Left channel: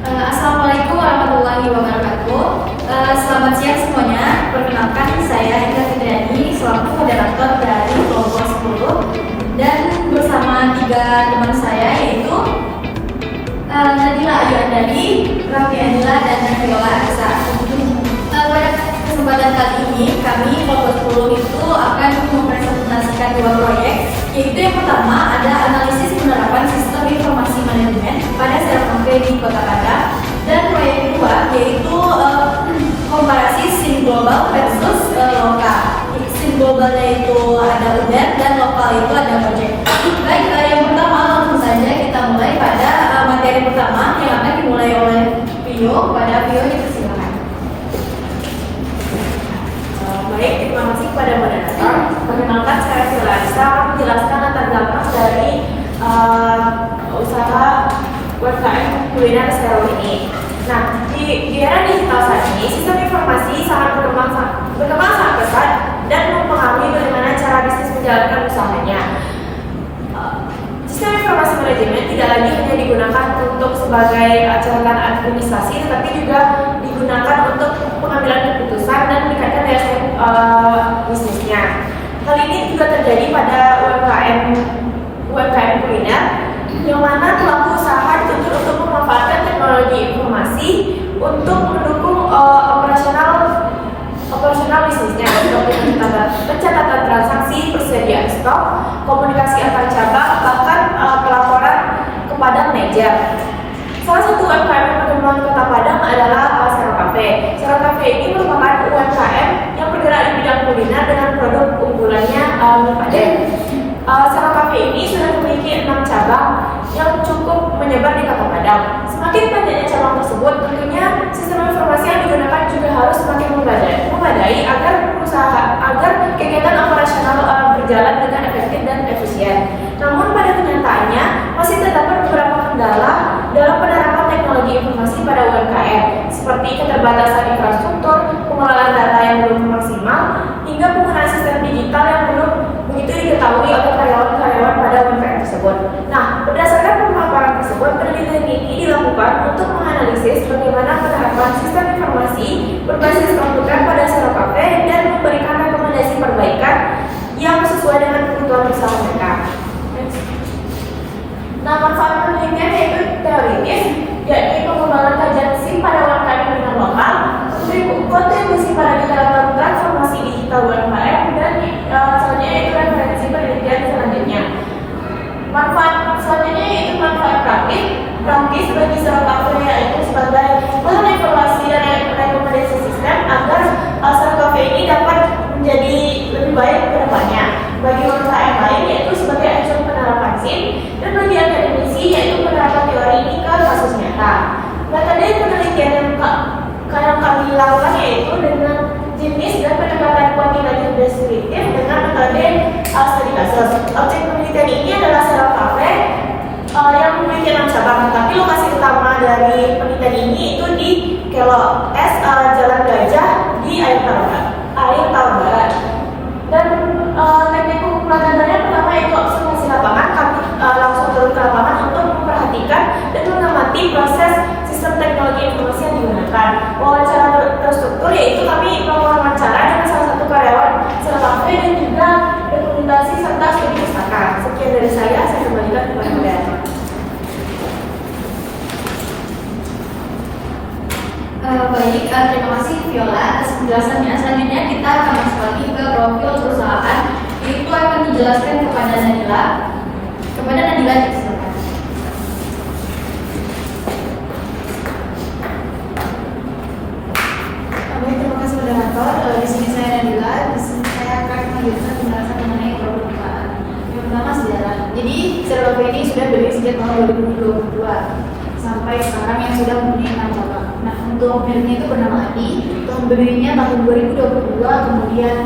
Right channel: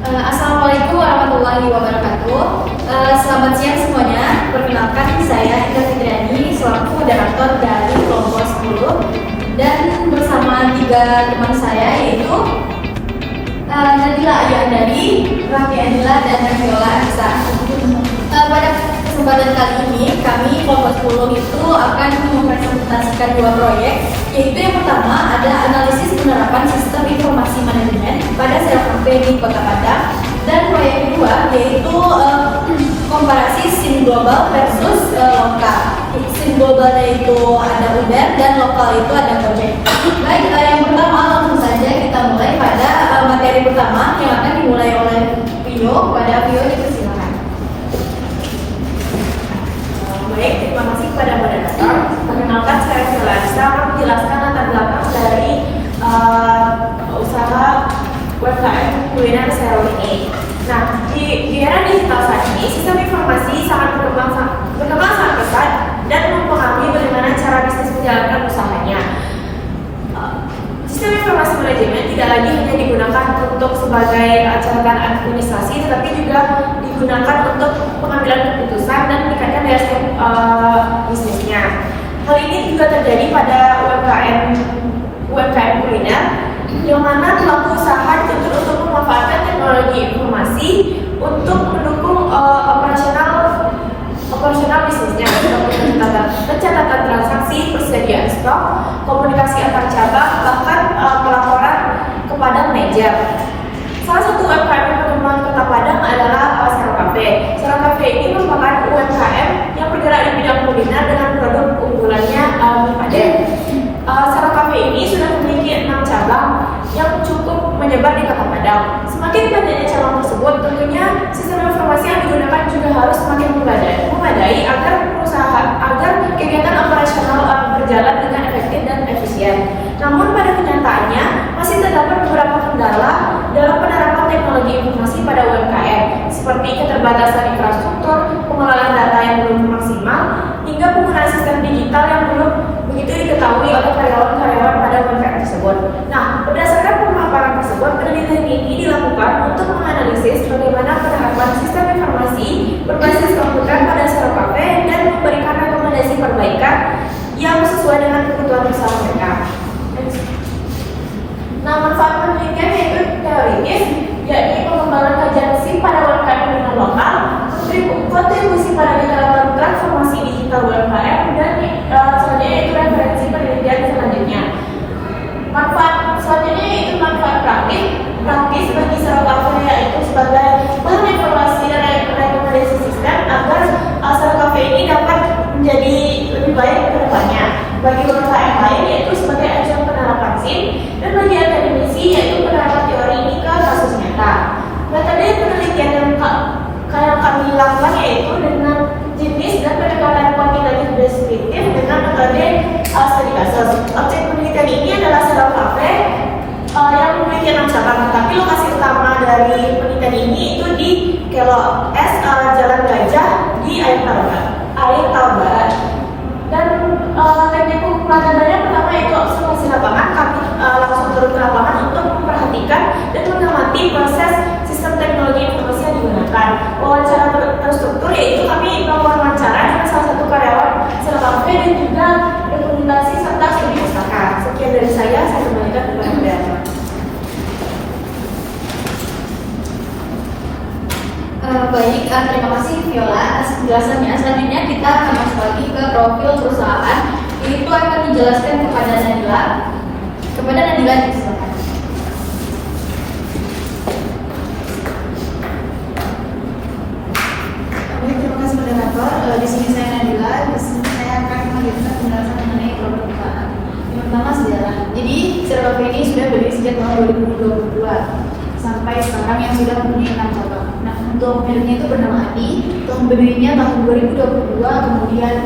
Assalamualaikum warahmatullahi wabarakatuh. Selamat siang semuanya. Perkenalkan, saya Indah Fitriani selaku moderator dari kelompok 10 dan bersama 3 teman saya yaitu Nadila Ayu Andari, Raffi Anila, dan Nabiola Aksa. Pada kesempatan kali ini kami kelompok 10 itu akan mempresentasikan 2 proyek, yaitu yang pertama ada analisis penerapan sistem informasi manajemen pada CRKP di Kota Padang, dan proyek kedua yaitu komparasi SIM global versus lokal. SIM globalnya itu ada Uber dan lokal itu ada Gojek. Baik, yang pertama langsung saja kita mulai pada materi pertama yang akan dimulai oleh Vio. Pada Vio dipersilakan. Baik, terima kasih kepada moderator. Perkenalkan, saya Viola bisa menjelaskan latar belakang dari usaha UMKM kuliner SEO ini. Nah, di era digital saat ini, sistem informasi sangat berkembang sangat pesat dan mempengaruhi bagaimana cara bisnis menjalankan usahanya. Sistem informasi manajemen tidak lagi hanya digunakan untuk sebagai catatan administrasi, tetapi juga digunakan untuk pengambilan keputusan dan meningkatkan daya saing bisnisnya. Hal ini juga terjadi pada UMKM kuliner, yang mana pelaku usaha dituntut untuk memanfaatkan teknologi informasi untuk mendukung operasional bisnisnya, seperti pencatatan transaksi, persediaan stok, komunikasi antar cabang, bahkan pelaporan kepada manajer. Salah satu UMKM yang berkembang di Kota Padang adalah Sero Cafe. Sero Cafe ini merupakan UMKM yang bergerak di bidang kuliner dengan produk unggulannya mie Padang. Sero Cafe ini sudah memiliki 6 cabang yang cukup menyebar di Kota Padang. Semakin banyaknya cabang tersebut, tentunya sistem informasi yang digunakan juga harus semakin memadai agar kegiatan operasional berjalan dengan efektif dan efisien. Namun pada kenyataannya masih terdapat beberapa kendala dalam penerapan teknologi informasi pada UMKM, seperti keterbatasan infrastruktur, pengelolaan data yang belum maksimal, hingga penggunaan sistem digital yang belum begitu diketahui oleh karyawan-karyawan pada UMKM tersebut. Nah, berdasarkan pemaparan tersebut, penelitian ini dilakukan untuk menganalisis bagaimana penerapan sistem informasi berbasis komputer pada Sero Cafe dan memberikan rekomendasi perbaikan yang sesuai dengan kebutuhan usaha mereka. Nah, manfaat penelitian yaitu teoritis, yakni pengembangan kajian SIM pada UMKM dengan lokal, memberi kontribusi pada dalam transformasi digital UMKM, dan selanjutnya itu referensi penelitian selanjutnya. Manfaat selanjutnya yaitu manfaat praktis bagi Sero Cafe, yaitu sebagai bahan evaluasi dan rekomendasi sistem agar Sero Cafe ini dapat menjadi lebih baik ke depannya. Bagi UMKM lain yaitu sebagai acuan penerapan SIM, dan bagi akademisi yaitu penerapan teori ini ke kasus nyata. Metode penelitian yang kami lakukan yaitu dengan jenis dan pendekatan kuantitatif deskriptif dengan metode studi kasus. Objek penelitian ini adalah Sero Cafe yang memiliki 6 cabang, tetapi lokasi utama dari penelitian ini itu di Kelok S Jalan Gajah di Air Tawar Barat. Dan teknik pengumpulan datanya pertama itu observasi lapangan. Kami langsung turun ke lapangan untuk memperhatikan dan mengamati proses sistem teknologi informasi yang digunakan. Wawancara terstruktur yaitu kami melakukan wawancara dengan salah satu karyawan Sero Cafe dan juga dokumentasi serta studi pustaka. Sekian dari saya kembalikan kepada moderator. Baik, terima kasih Viola atas penjelasannya. Selanjutnya kita akan masuk lagi ke profil perusahaan, yaitu akan dijelaskan kepada Nadila. Silakan. Terima kasih moderator. Di sini saya Nadila. Di sini saya akan melanjutkan penjelasan mengenai produk perusahaan. Yang pertama sejarah. Jadi Sero Cafe ini sudah berdiri sejak tahun 2022 sampai sekarang yang sudah memiliki 6 cabang. Nah, untuk berdirinya itu bernama Adi. Tahun berdirinya tahun 2022, kemudian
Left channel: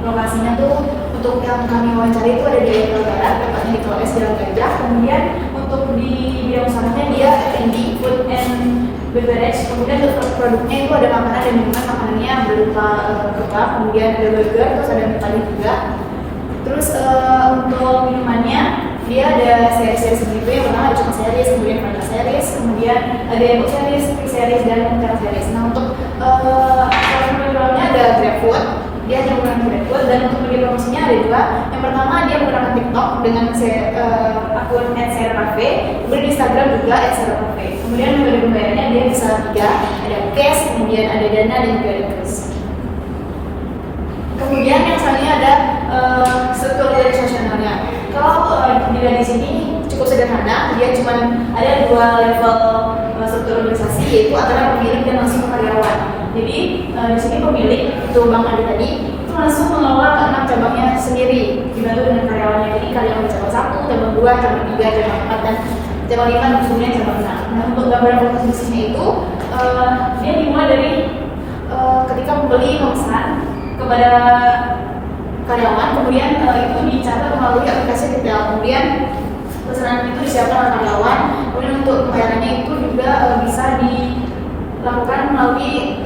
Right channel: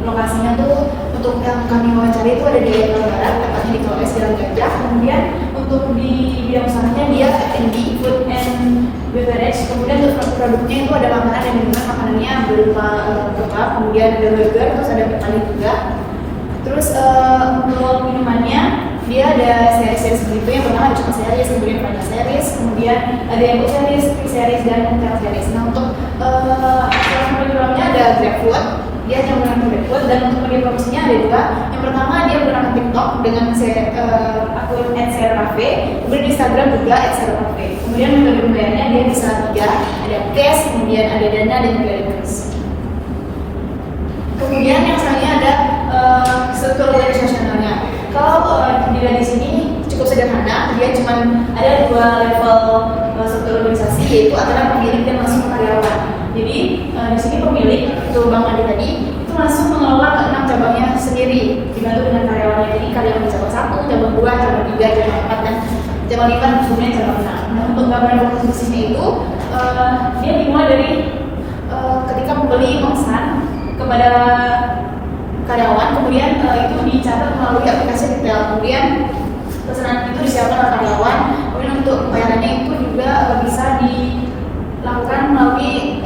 lokasinya tuh untuk yang kami wawancari itu ada di Air Tawar Barat, tepatnya di Kelok S Jalan Gajah. Kemudian untuk di bidang usahanya dia F&B, food and beverage. Kemudian untuk produknya itu ada makanan dan minuman, makanannya berupa kebab, kemudian ada burger, terus ada mie Padang juga. Terus untuk minumannya dia ada series begitu. Yang pertama ada cuma series, kemudian ada series, kemudian ada yang series, series dan multi series. Nah untuk ada GrabFood, dia yang menggunakan GrabFood, dan untuk media promosinya ada dua. Yang pertama dia menggunakan TikTok dengan akun @sercafe, kemudian di Instagram juga @sercafe. Kemudian metode pembayarannya dia bisa tiga, ada cash, kemudian ada dana, dan juga ada kris. Kemudian yang selanjutnya ada struktur organisasionalnya. Kalau di sini cukup sederhana, dia cuma ada dua level struktur organisasi, yaitu antara pemilik dan langsung karyawan. Jadi di sini pemilik itu Bang Adi tadi itu langsung mengelola 6 cabangnya sendiri, dibantu dengan karyawannya. Jadi karyawan cabang 1, cabang 2, cabang 3, cabang 4, dan cabang 5, kemudian cabang 6. Nah untuk gambaran komposisinya itu dia dimulai dari ketika pembeli memesan kepada karyawan, kemudian itu dicatat melalui aplikasi retail, kemudian pesanan itu disiapkan oleh karyawan, kemudian untuk pembayarannya itu juga bisa dilakukan melalui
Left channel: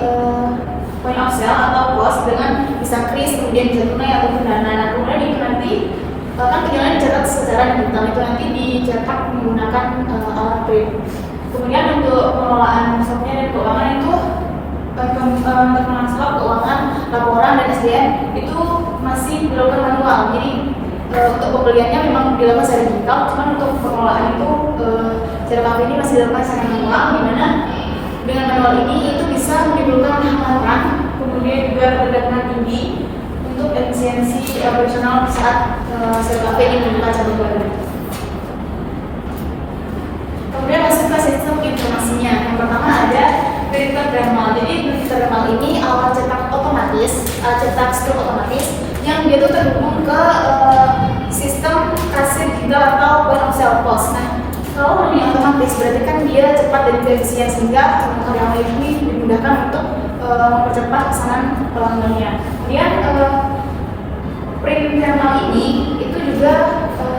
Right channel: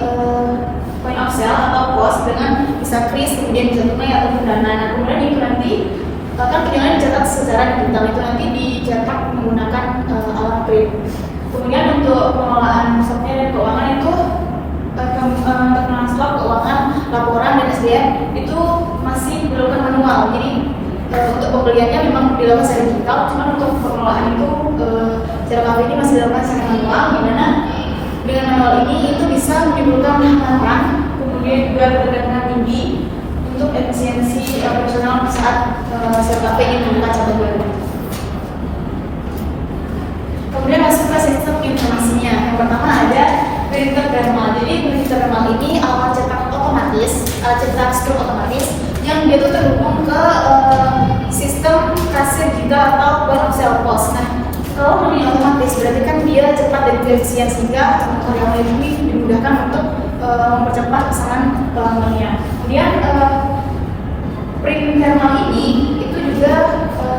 point of sale atau pos dengan bisa kris, kemudian bisa tunai ataupun dana. Nah kemudian itu nanti kan tinggal dicatat secara digital, itu nanti dicetak menggunakan alat print. Kemudian untuk pengelolaan stoknya dan keuangan itu untuk mengangsur keuangan, laporan dan SDM itu masih dilakukan manual. Jadi untuk pembeliannya memang dilakukan secara digital, cuma untuk pengelolaan itu secara kafe ini masih dilakukan secara manual, di mana dengan manual ini itu bisa menimbulkan hambatan, kemudian juga ketergantungan tinggi untuk efisiensi operasional saat secara kafe ini membuka cabang baru. Kemudian masuk ke sistem informasinya. Yang pertama ada printer thermal. Jadi printer thermal ini alat cetak otomatis, cetak stroke otomatis yang dia itu terhubung ke sistem kasir digital atau point of sale POS. Nah, kalau ini otomatis berarti kan dia cepat dan efisien, sehingga karyawan ini dimudahkan untuk mempercepat pesanan pelanggannya. Kemudian printer thermal ini itu juga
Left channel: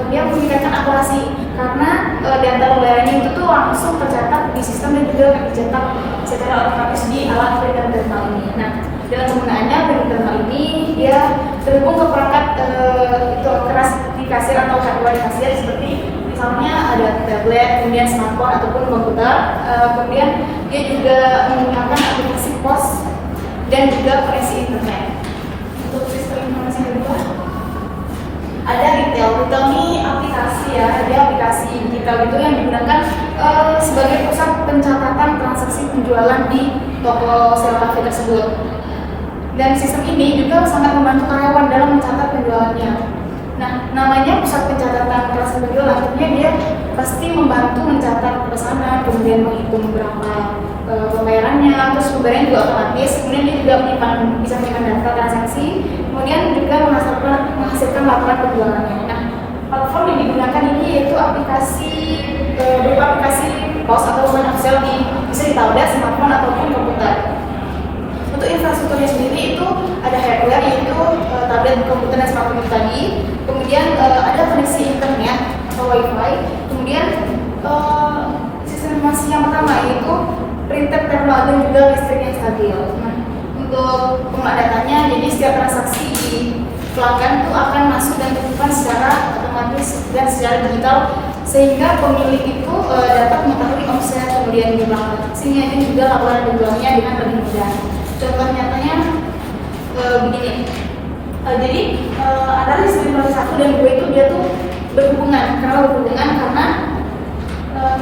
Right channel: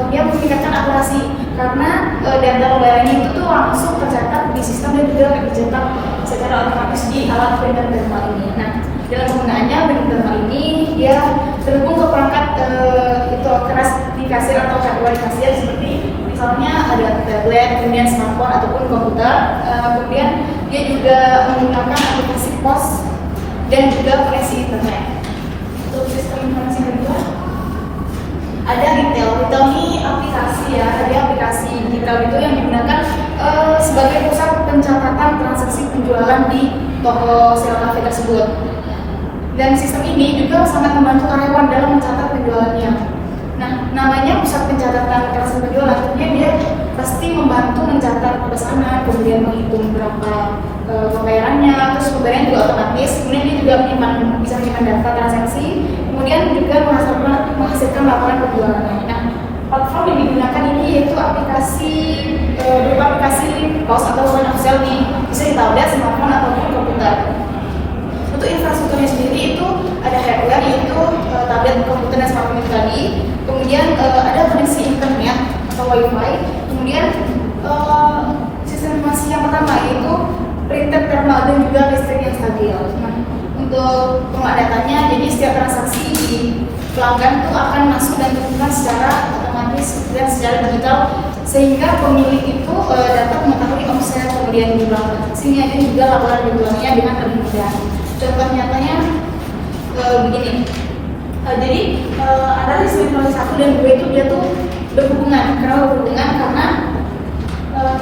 dia meningkatkan akurasi, karena data pembayarannya itu tuh langsung tercatat di sistem dan juga tercetak secara otomatis di alat printer thermal ini. Nah, dalam penggunaannya printer thermal ini dia terhubung ke perangkat itu keras di kasir atau hardware di kasir, seperti misalnya ada tablet, kemudian smartphone ataupun komputer. Kemudian dia juga menggunakan aplikasi POS dan juga koneksi internet. Untuk sistem informasi kedua ada retail. Retail ini aplikasi ya, ada aplikasi retail itu yang digunakan sebagai pusat pencatatan transaksi penjualan di toko sewa kafe tersebut. Dan sistem ini juga sangat membantu karyawan dalam mencatat penjualannya. Nah, namanya pusat pencatatan transaksi penjualan, artinya dia pasti membantu mencatat pesanan, kemudian menghitung berapa pembayarannya, terus pembayaran juga otomatis, kemudian dia juga bisa menyimpan data transaksi, kemudian juga menghasilkan laporan penjualannya. Nah, platform yang digunakan ini yaitu aplikasi berupa aplikasi POS atau point of sale, bisa di tablet, smartphone ataupun komputer. Untuk infrastrukturnya sendiri itu ada hardware, yaitu tablet, komputer, dan smartphone tadi. Kemudian ada koneksi internet atau wifi. Kemudian sistem informasi yang pertama yaitu printer thermal dan juga listrik yang stabil. Nah, untuk pengelola datanya, jadi setiap transaksi di pelanggan itu akan masuk dan disimpan secara otomatis dan secara digital, sehingga pemilik itu dapat mengetahui omset kemudian jumlah transaksinya, itu juga laporan penjualannya dengan lebih mudah. Contoh nyatanya begini. Jadi antara sistem informasi 1 dan 2 itu dia tuh berhubungan. Kenapa berhubungan? Karena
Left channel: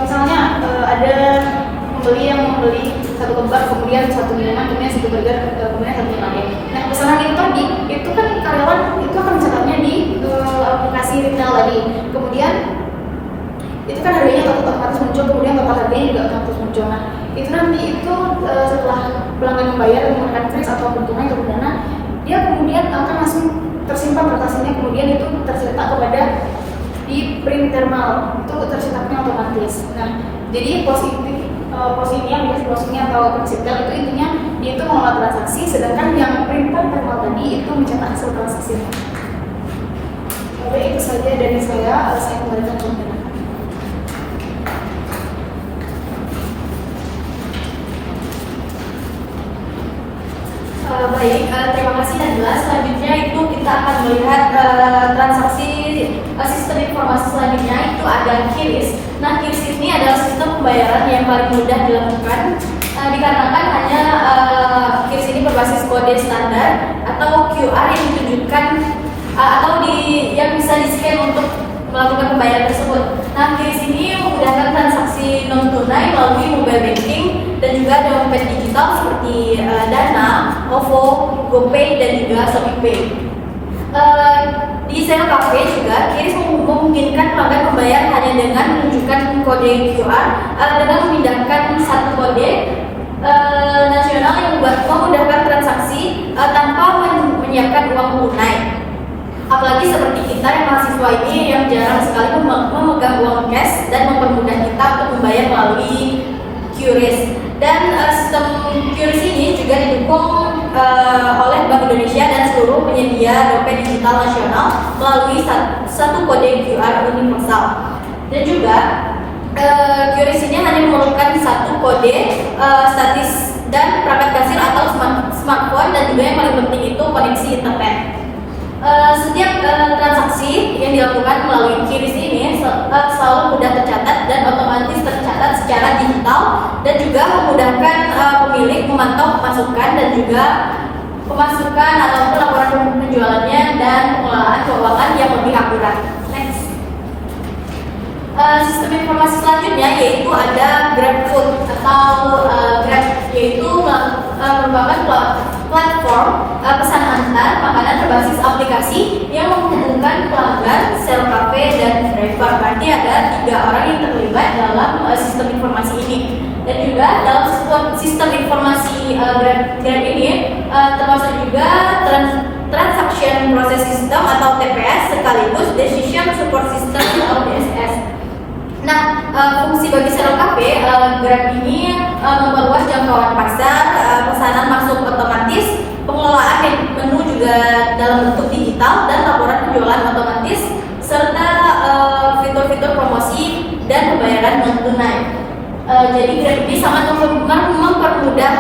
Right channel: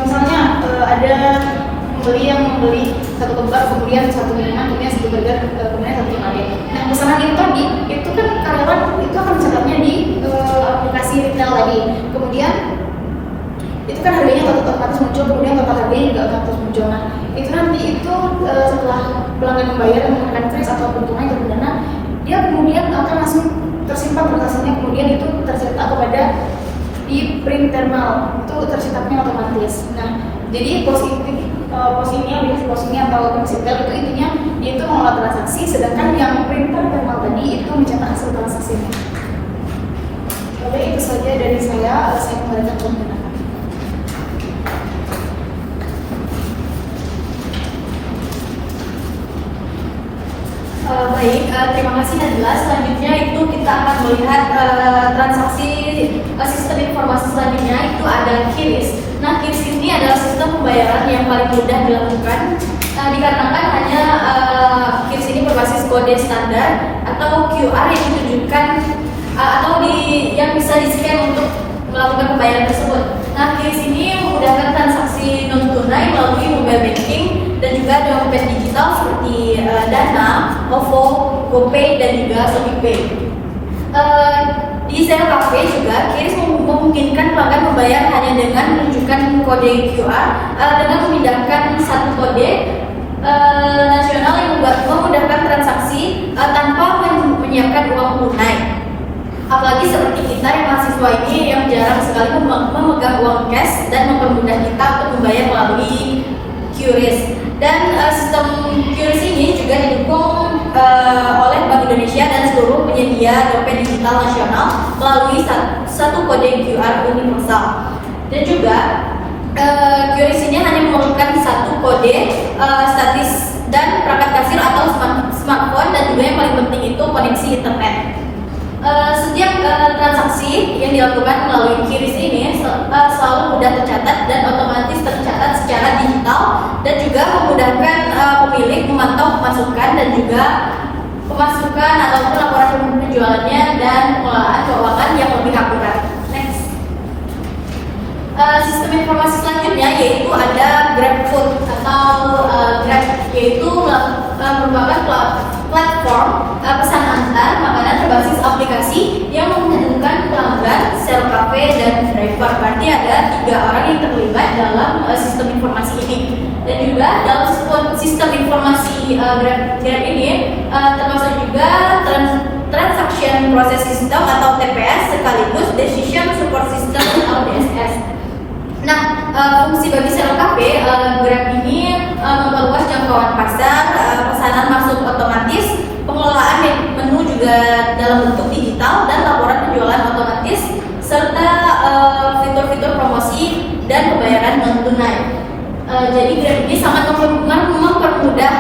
misalnya ada pembeli yang membeli satu lembar, kemudian satu minuman, kemudian satu burger, kemudian satu kali. Nah, pesanan itu tadi itu kan karyawan itu akan mencatatnya di aplikasi retail tadi. Kemudian itu kan harganya otomatis muncul, kemudian total harganya juga otomatis muncul. Nah, itu nanti itu setelah pelanggan membayar menggunakan kris atau tunai atau dana, dia kemudian akan langsung tersimpan transaksinya, kemudian itu tercetak kepada di print thermal, itu tercetaknya otomatis. Nah, jadi posisinya atau konsepnya itu intinya dia itu mengolah transaksi, sedangkan yang printer thermal tadi itu mencetak hasil transaksinya. Oke, itu saja dari saya kembalikan ke Mbak. Terima kasih Najla. Selanjutnya itu kita akan melihat transaksi sistem informasi selanjutnya itu ada QRIS. Nah, QRIS ini adalah sistem pembayaran yang paling mudah dilakukan dikarenakan hanya QRIS ini berbasis kode standar atau QR yang ditunjukkan yang bisa di-scan untuk melakukan pembayaran tersebut. Nah, QRIS ini memudahkan transaksi non tunai melalui mobile banking dan juga dompet digital seperti Dana, OVO, GoPay dan juga ShopeePay. Di Zero Cafe juga QRIS memungkinkan pelanggan membayar hanya dengan menunjukkan kode QR dengan memindahkan satu kode nasional yang memudahkan transaksi tanpa menyiapkan uang tunai. Apalagi seperti kita yang mahasiswa ini yang jarang sekali memegang uang cash dan mempermudah kita untuk membayar melalui QRIS. Dan sistem QRIS ini juga didukung oleh Bank Indonesia dan seluruh penyedia dompet digital nasional melalui satu kode QR universal. Dan juga QRIS ini hanya memerlukan satu kode statis dan perangkat kasir atau smartphone, dan juga yang paling penting itu koneksi internet. Setiap transaksi yang dilakukan melalui QRIS ini selalu mudah tercatat dan otomatis tercatat secara digital, dan juga memudahkan pemilik memantau pemasukan dan juga pemasukan ataupun laporan penjualannya dan pengelolaan keuangan yang lebih akurat. Next. Sistem informasi selanjutnya yaitu ada GrabFood atau Grab, yaitu merupakan platform pesan antar makanan berbasis aplikasi yang menghubungkan pelanggan, Zero Cafe, dan driver. Berarti ada 3 orang yang terlibat dalam sistem informasi ini. Dan juga dalam sistem informasi Grab ini termasuk juga Transaction Process System atau TPS sekaligus Decision Support System atau DSS. Nah, fungsi bagi Zero Cafe, Grab ini memperluas jangkauan pasar, pesanan masuk otomatis, pengelolaan menu juga dalam bentuk digital, dan laporan penjualan otomatis, serta fitur-fitur promosi dan pembayaran non tunai. Jadi Grab ini sangat mempermudah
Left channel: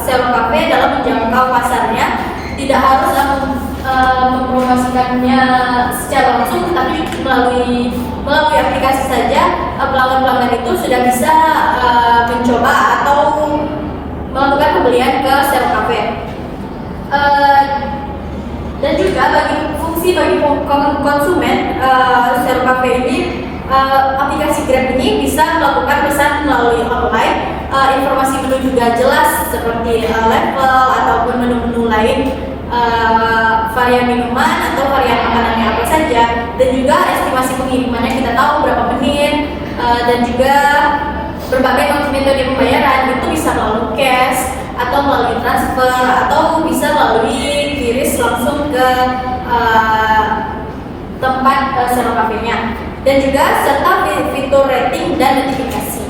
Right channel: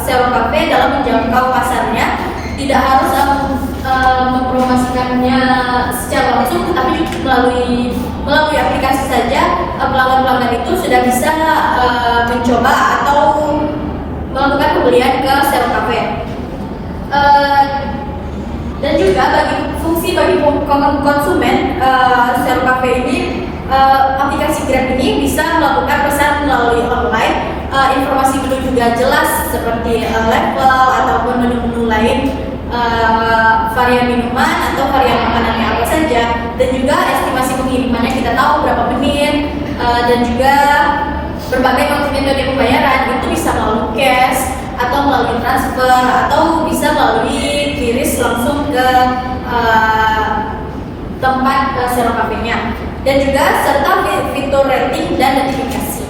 Zero Cafe dalam menjangkau pasarnya. Tidak harus mempromosikannya secara langsung, tetapi melalui aplikasi saja pelanggan-pelanggan itu sudah bisa mencoba atau melakukan pembelian ke Zero Cafe. Dan juga bagi konsumen Zero Cafe ini, aplikasi Grab ini bisa melakukan pesan melalui online. Informasi menu juga jelas seperti level ataupun menu-menu lain, varian minuman atau varian makanannya apa saja, dan juga estimasi pengirimannya kita tahu berapa menit, dan juga berbagai metode pembayaran itu bisa melalui cash atau melalui transfer atau bisa melalui QRIS langsung ke tempat Zero Cafe-nya. Dan juga serta fitur rating dan notifikasi.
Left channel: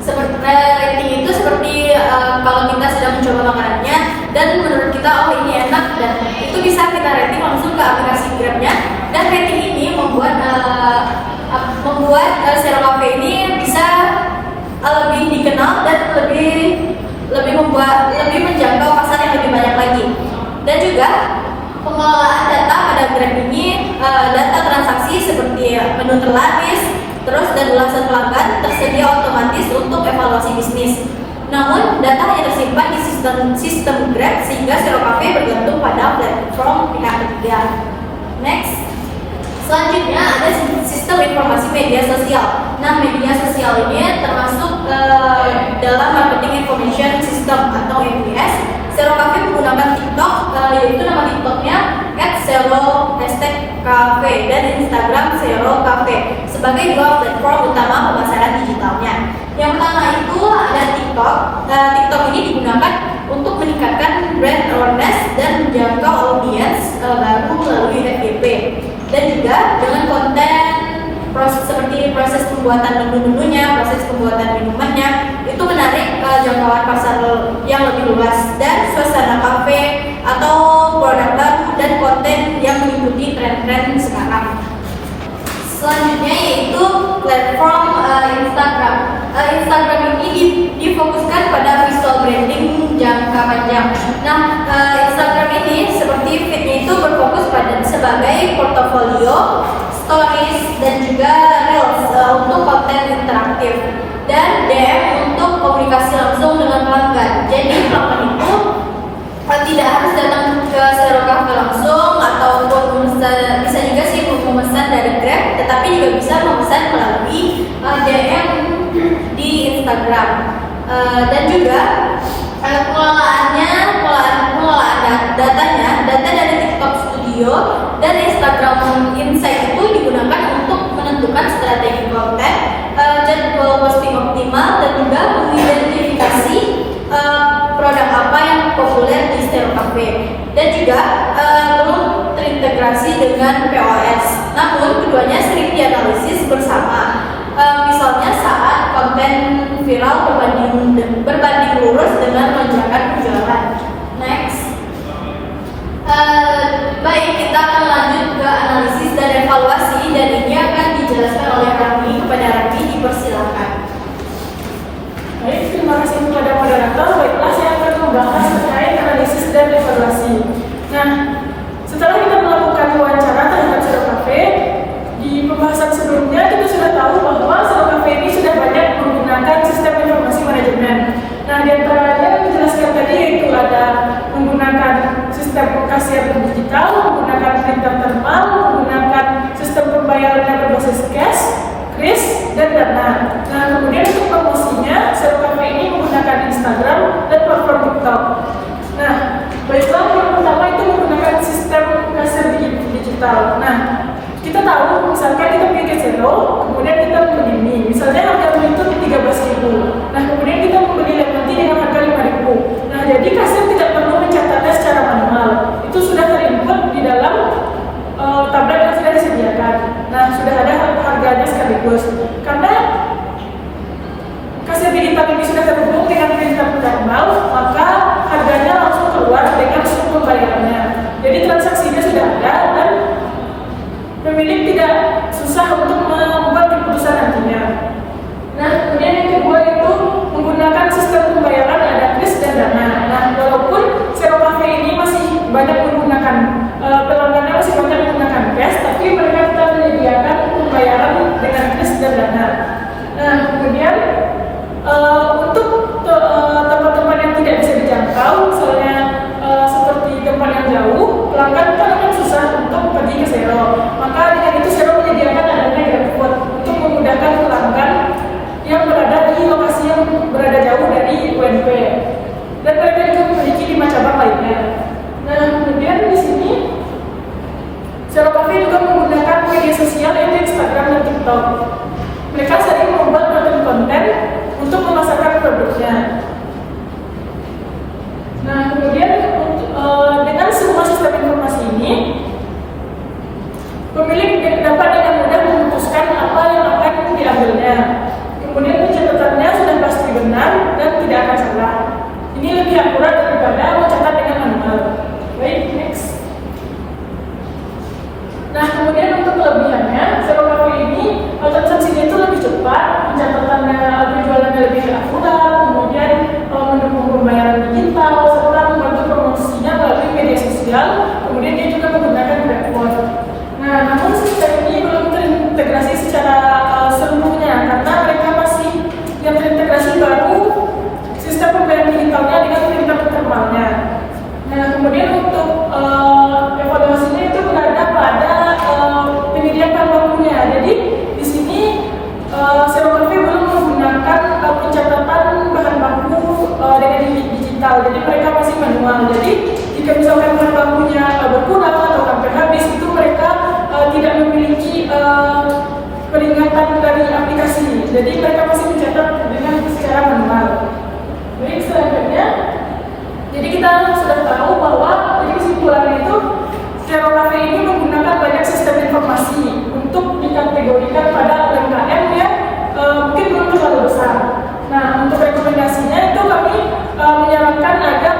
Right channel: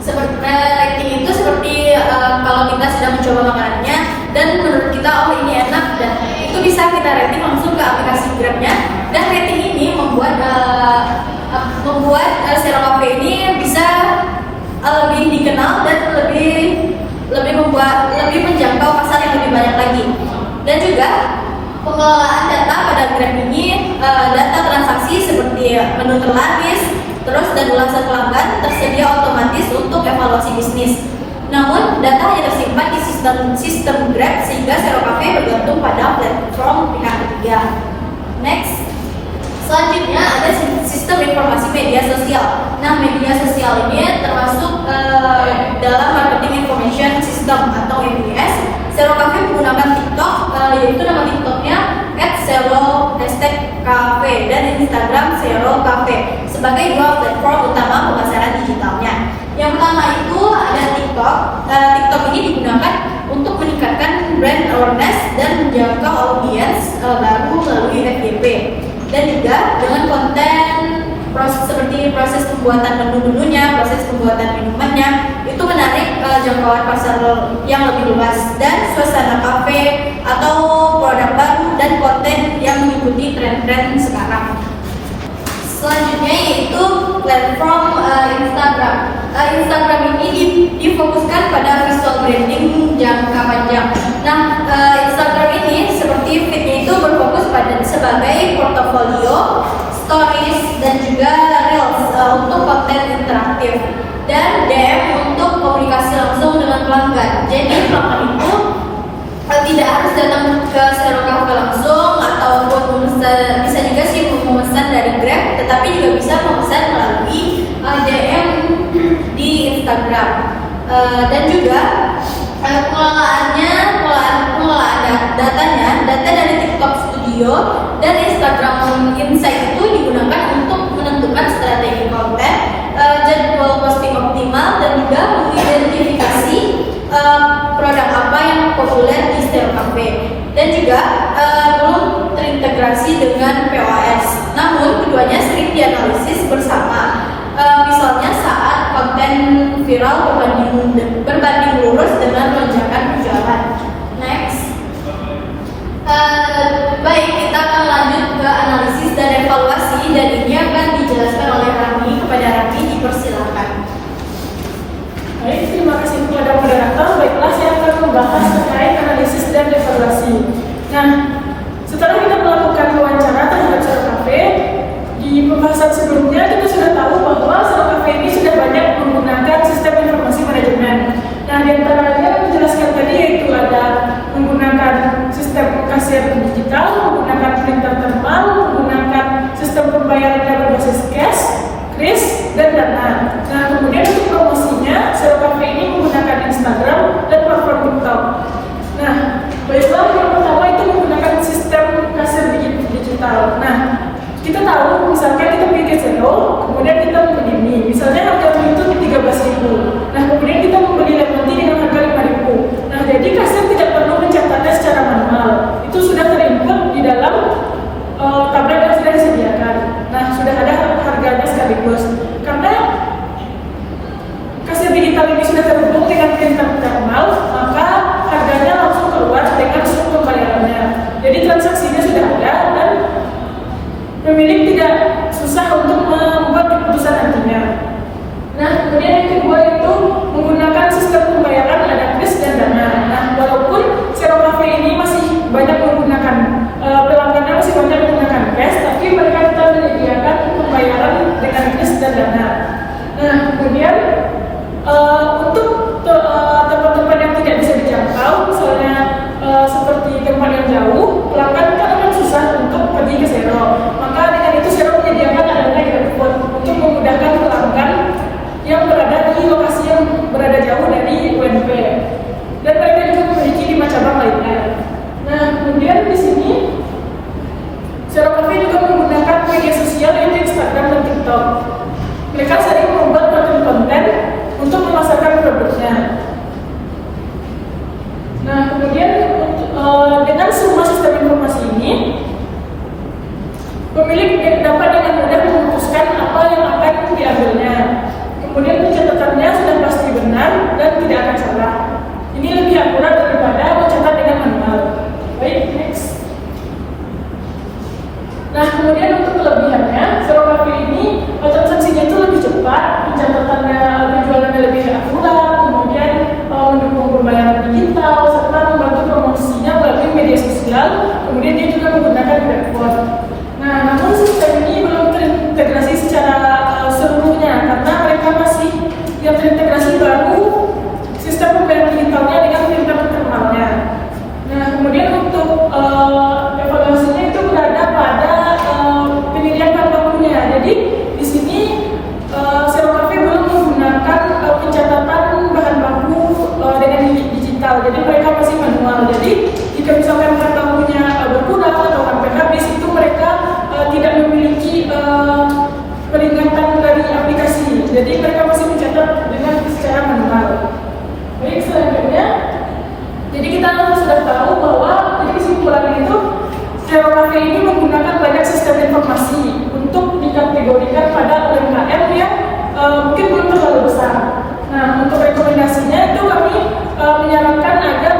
Seperti rating itu seperti kalau kita sedang mencoba makanannya dan menurut kita ini enak, dan itu bisa kita rating langsung ke aplikasi Grab-nya. Dan rating ini membuat Zero Cafe ini bisa lebih dikenal dan lebih menjangkau pasar yang lebih banyak lagi. Dan juga pengelolaan data pada Grab ini, data transaksi seperti menu terlapis, terus dan ulasan pelanggan tersedia otomatis untuk evaluasi bisnis. Namun data hanya tersimpan di sistem Grab sehingga Zero Cafe bergantung pada platform pihak ketiga. Next. Selanjutnya ada sistem informasi media sosial. Nah, media sosial ini termasuk dalam marketing information system atau MIS. Zero Cafe menggunakan TikTok, yaitu nama TikToknya @zero_cafe dan Instagram Zero Cafe sebagai 2 platform utama pemasaran digitalnya. Yang pertama itu ada TikTok. TikTok ini digunakan untuk meningkatkan brand awareness dan menjangkau audiens baru melalui FYP. Dan juga dengan konten seperti proses pembuatan menu-menunya, proses pembuatan minumannya, itu menarik jangkauan pasar yang lebih luas, dan suasana kafe atau produk baru dan konten yang mengikuti tren-tren sekarang. Selanjutnya yaitu platform Instagram. Instagram ini difokuskan pada visual branding jangka panjang. portfolio, stories, dan juga reels untuk konten interaktif, dan DM untuk komunikasi langsung dengan pelanggan. Jadi pelanggan itu tidak harus datang ke Zero Cafe langsung ataupun memesan, bisa juga sih memesan dari Grab, tetapi juga bisa memesan melalui DM di Instagram. Dan juga data dari TikTok Studio dan Instagram Insight itu digunakan untuk menentukan strategi konten, jadwal posting optimal, dan juga mengidentifikasi produk apa yang populer di Zero Cafe, dan juga belum terintegrasi dengan POS. Namun keduanya sering dianalisis bersama, misalnya saat konten viral berbanding lurus dengan lonjakan penjualan. Next. Baik, kita akan lanjut ke analisis dan evaluasi, dan ini akan dijelaskan oleh Rani. Kepada Rani, dipersilakan. Baik, terima kasih kepada moderator. Baiklah, saya akan membahas terkait analisis dan evaluasi. Nah, setelah kita melakukan wawancara terhadap Zero Cafe, di pembahasan sebelumnya kita sudah tahu bahwa Zero Cafe ini sudah banyak menggunakan sistem informasi manajemen. Nah, di antaranya yang menjelaskan tadi yaitu ada menggunakan sistem kasir digital, menggunakan printer thermal, menggunakan sistem pembayaran yang berbasis cash, kris, dan dana. Nah, kemudian untuk promosinya, Zero Cafe ini menggunakan Instagram dan platform TikTok. Nah, baiklah, yang pertama itu menggunakan sistem kasir digital. Nah, kita tahu misalkan kita pergi ke Zero, kemudian kita membeli mie, misalnya harga mie itu di 13.000. Nah, kemudian kita membeli lemon tea dengan harga 5.000. Nah, jadi kasir tidak perlu mencatatnya secara manual, itu sudah terinput di dalam tablet yang sudah disediakan. Nah, sudah ada harganya sekaligus. Karena kasir digital ini sudah terhubung dengan printer thermal, maka harganya langsung keluar dengan struktur pembayarannya. Jadi transaksinya sudah ada dan pemilik tidak susah untuk membuat keputusan nantinya. Nah, kemudian yang kedua itu menggunakan sistem pembayaran ada kris dan dana. Nah, walaupun Zero Cafe ini masih banyak menggunakan pelanggannya masih banyak menggunakan cash, tapi mereka telah menyediakan pembayaran dengan kris dan dana. Nah, kemudian untuk tempat-tempat yang tidak bisa dijangkau, misalnya seperti tempat yang jauh, pelanggan kan akan susah untuk pergi ke Zero. Maka dengan itu Zero menyediakan adanya GrabFood untuk memudahkan pelanggan yang berada di lokasi yang berada jauh dari UNP. Dan mereka juga memiliki 5 cabang lainnya. Nah, kemudian di sini Zero Cafe juga menggunakan media sosial yaitu Instagram dan TikTok. Mereka sering membuat konten-konten untuk memasarkan produknya. Nah, kemudian dengan semua sistem informasi ini, pemilik dapat dengan mudah memutuskan apa yang akan diambilnya. Kemudian pencatatannya sudah pasti benar dan tidak akan salah. Ini lebih akurat daripada mencatat dengan manual. Baik, next. Nah, kemudian untuk kelebihannya, Zero Cafe ini transaksinya itu lebih cepat, pencatatannya penjualannya lebih akurat, kemudian mendukung pembayaran digital, serta membantu promosinya melalui media sosial. Kemudian dia juga menggunakan GrabFood. Nah, namun sistem ini belum terintegrasi secara seluruhnya karena mereka masih yang terintegrasi baru sistem pembayaran digitalnya dengan printer thermalnya. Nah, kemudian untuk evaluasinya itu berada pada penyediaan bahan bakunya. Jadi di sini Zero Cafe belum menggunakan pencatatan bahan baku dengan digital. Jadi mereka masih manual. Jadi jika misalkan bahan bakunya berkurang atau sampai habis, itu mereka tidak memiliki peringatan dari aplikasi. Jadi mereka masih mencatat dengan secara manual. Baik, selanjutnya, jadi kita sudah tahu bahwa dari kesimpulannya itu Zero Cafe ini menggunakan banyak sistem informasi untuk dikategorikan pada UMKM yang mungkin belum terlalu besar. Nah, untuk rekomendasinya itu kami menyarankan agar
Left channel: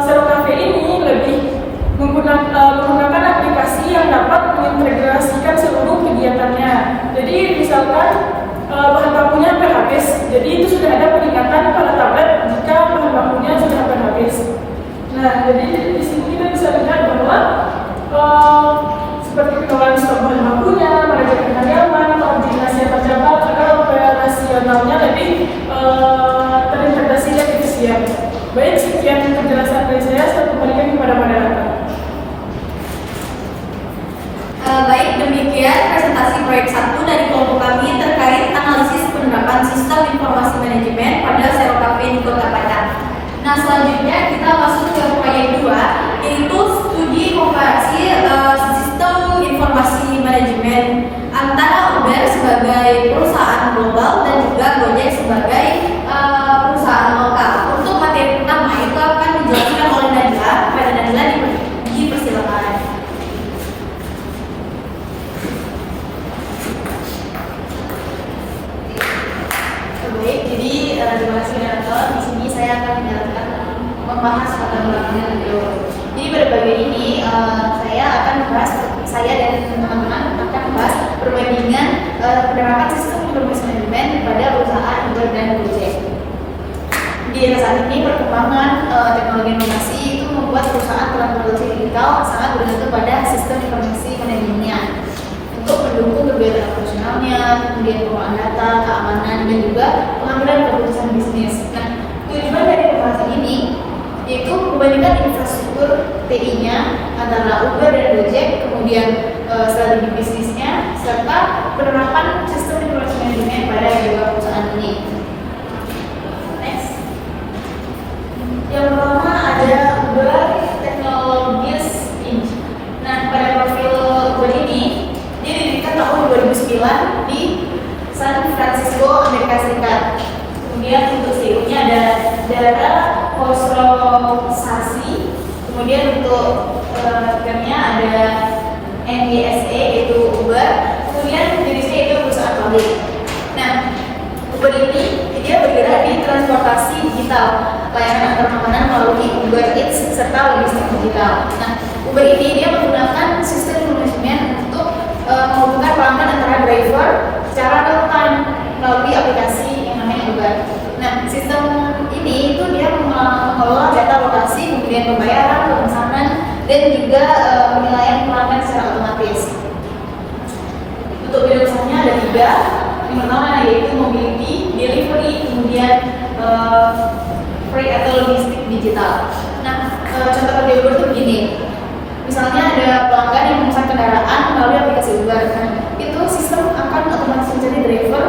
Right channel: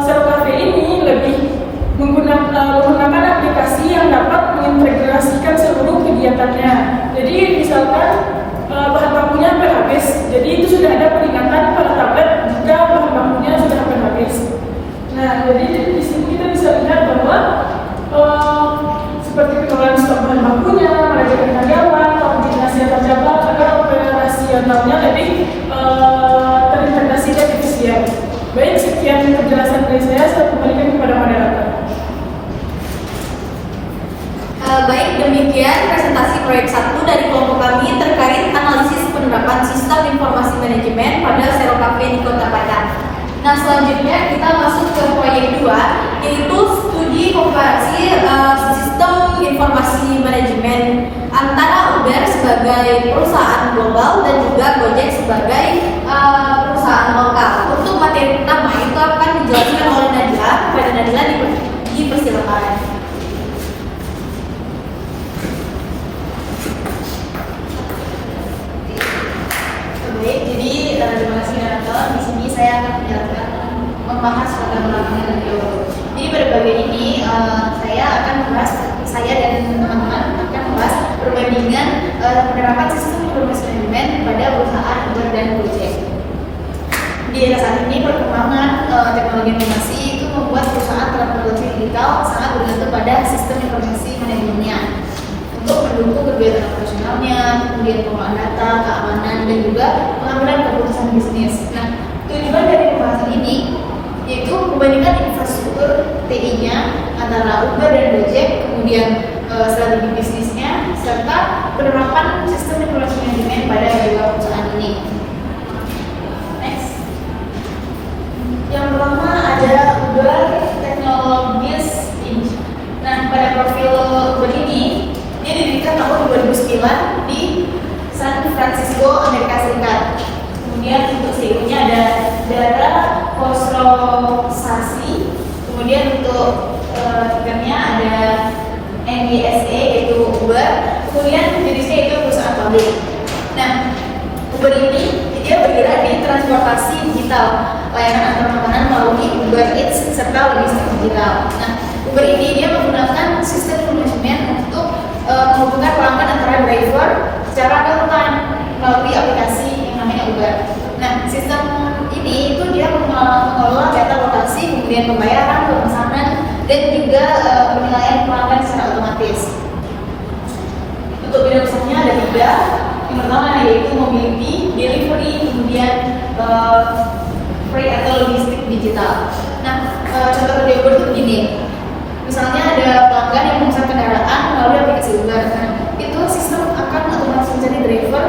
Zero Cafe ini lebih menggunakan aplikasi yang dapat mengintegrasikan seluruh kegiatannya. Jadi misalkan bahan bakunya hampir habis, jadi itu sudah ada peringatan pada tablet jika bahan bakunya sudah hampir habis. Nah, jadi di sini kita bisa lihat bahwa seperti pengelolaan stok bahan bakunya, manajemen karyawan, koordinasi antar cabang, agar operasionalnya lebih terintegrasi dan efisien. Baik, sekian penjelasan dari saya kembalikan kepada moderator. Baik, demikian presentasi proyek 1 dari kelompok kami terkait analisis penerapan sistem informasi manajemen pada Serocafe di Kota Padang. Nah, selanjutnya kita masuk ke proyek 2, yaitu studi komparasi sistem informasi manajemen antara Uber sebagai perusahaan global dan juga Gojek sebagai perusahaan lokal. Untuk materi pertama itu akan dijelaskan oleh Nadila. Pada Nadila dipersilakan. Baik, jadi terima kasih moderator. Di sini saya akan membahas tentang video. Jadi pada bagian ini saya akan membahas, saya dan teman-teman akan membahas perbandingan penerapan sistem informasi manajemen pada perusahaan Uber dan Gojek. Di saat ini perkembangan teknologi informasi itu membuat perusahaan transportasi digital sangat bergantung pada sistem informasi manajemennya untuk mendukung kegiatan operasionalnya, kemudian pengelolaan data, keamanan, dan juga pengambilan keputusan bisnis. Nah, tujuan dari pembahasan ini yaitu membandingkan infrastruktur TI-nya antara Uber dan Gojek, kemudian strategi bisnisnya, serta penerapan sistem informasi manajemen pada dua perusahaan ini. Next. Yang pertama ada Uber Technologies Inc. Nah, pada profil Uber ini dia didirikan tahun 2009 di San Francisco, Amerika Serikat. Kemudian untuk CEO-nya ada Dara Khosrowshahi. Kemudian untuk tiketnya ada NYSE yaitu Uber. Kemudian jenisnya itu perusahaan publik. Nah, Uber ini dia bergerak di transportasi digital, layanan antar makanan melalui Uber Eats serta logistik digital. Nah, Uber ini dia menggunakan sistem manajemen untuk menghubungkan pelanggan antara driver secara real time melalui aplikasi yang namanya Uber. Nah, sistem ini itu dia mengelola data lokasi, kemudian pembayaran, pemesanan, dan juga penilaian pelanggan secara otomatis. Untuk bidang usahanya ada 3. Yang pertama yaitu mobility, delivery, kemudian freight atau logistik digital. Nah, contoh kerja Uber itu begini. Misalnya ada pelanggan yang memesan kendaraan melalui aplikasi Uber, itu sistem akan otomatis mencari driver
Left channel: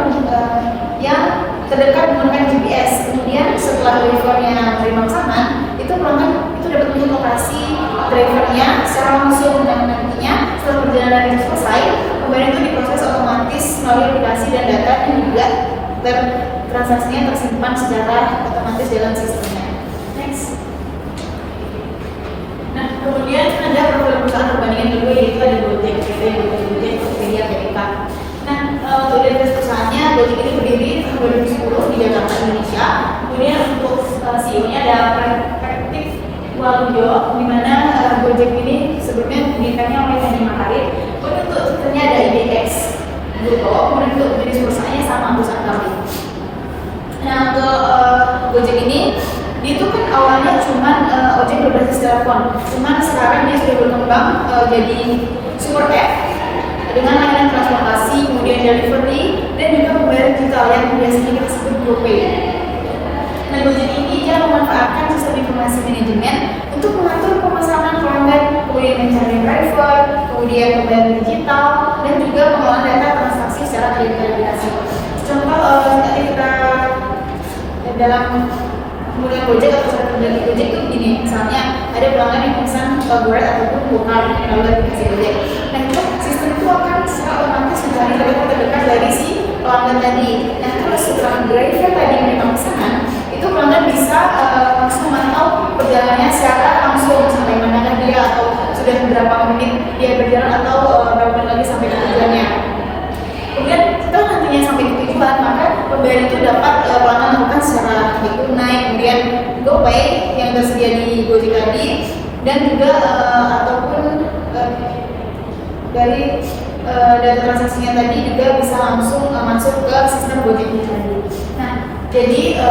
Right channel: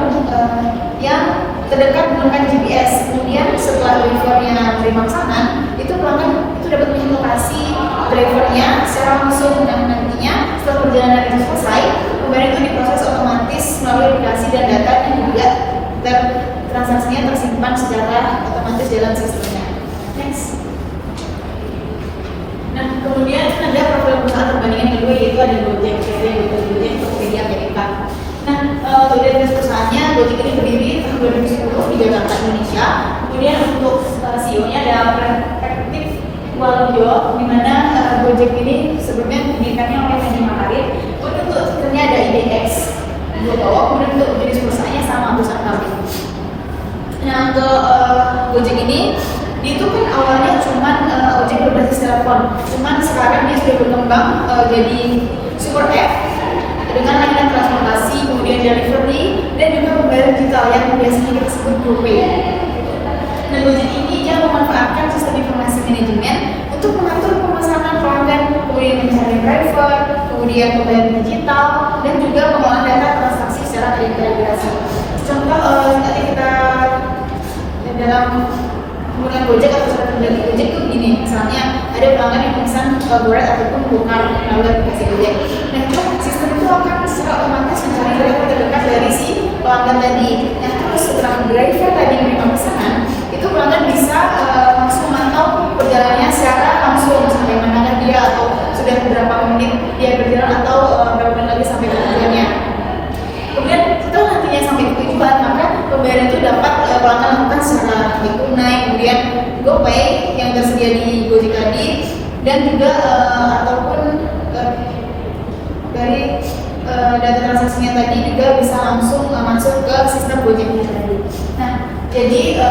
yang terdekat menggunakan GPS. Kemudian setelah drivernya menerima pesanan, itu pelanggan itu dapat melihat lokasi drivernya secara langsung, dan nantinya setelah perjalanan itu selesai, pembayaran itu diproses otomatis melalui aplikasi dan data yang juga transaksinya tersimpan secara otomatis dalam sistemnya. Next. Kemudian ada profil perusahaan perbandingan kedua yaitu ada Gojek, Gojek, Tokopedia, Amerika. Nah, identitas perusahaannya Gojek ini berdiri tahun 2010 di Jakarta, Indonesia. Kemudian untuk CEO-nya ada Perspektif Walujo, di mana Gojek ini sebelumnya didirikannya oleh Nadiem Makarim. Kemudian untuk sistemnya ada IDX, kemudian untuk jenis perusahaannya sama perusahaan kami. Nah, untuk Gojek ini itu kan awalnya cuma ojek berbasis telepon, cuman sekarang dia sudah berkembang jadi super app dengan layanan transportasi, kemudian delivery, dan juga pembayaran digital yang biasanya kita sebut GoPay. Nah, Gojek ini dia memanfaatkan sistem informasi manajemen untuk mengatur pemesanan pelanggan, kemudian mencari driver, kemudian pembayaran digital, dan juga pengelolaan data transaksi secara terintegrasi. Contoh tadi kita dalam menggunakan Gojek atau strategi dari Gojek itu begini, misalnya ada pelanggan yang pesan Grab ataupun bukan melalui aplikasi Gojek. Nah, itu sistem itu akan secara otomatis mencari driver terdekat dari si pelanggan tadi. Nah, terus setelah driver tadi memang pesanan, itu pelanggan bisa langsung memantau perjalanannya secara langsung sampai mana dia, atau sudah berapa menit dia berjalan, atau berapa menit lagi sampai ke tujuannya. Kemudian setelah nantinya sampai ke tujuan, maka pembayaran itu dapat pelanggan lakukan secara tunai, kemudian GoPay yang tersedia di Gojek tadi, dan juga ataupun dari data transaksinya tadi juga bisa langsung masuk ke sistem Gojek tadi. Nah, jadi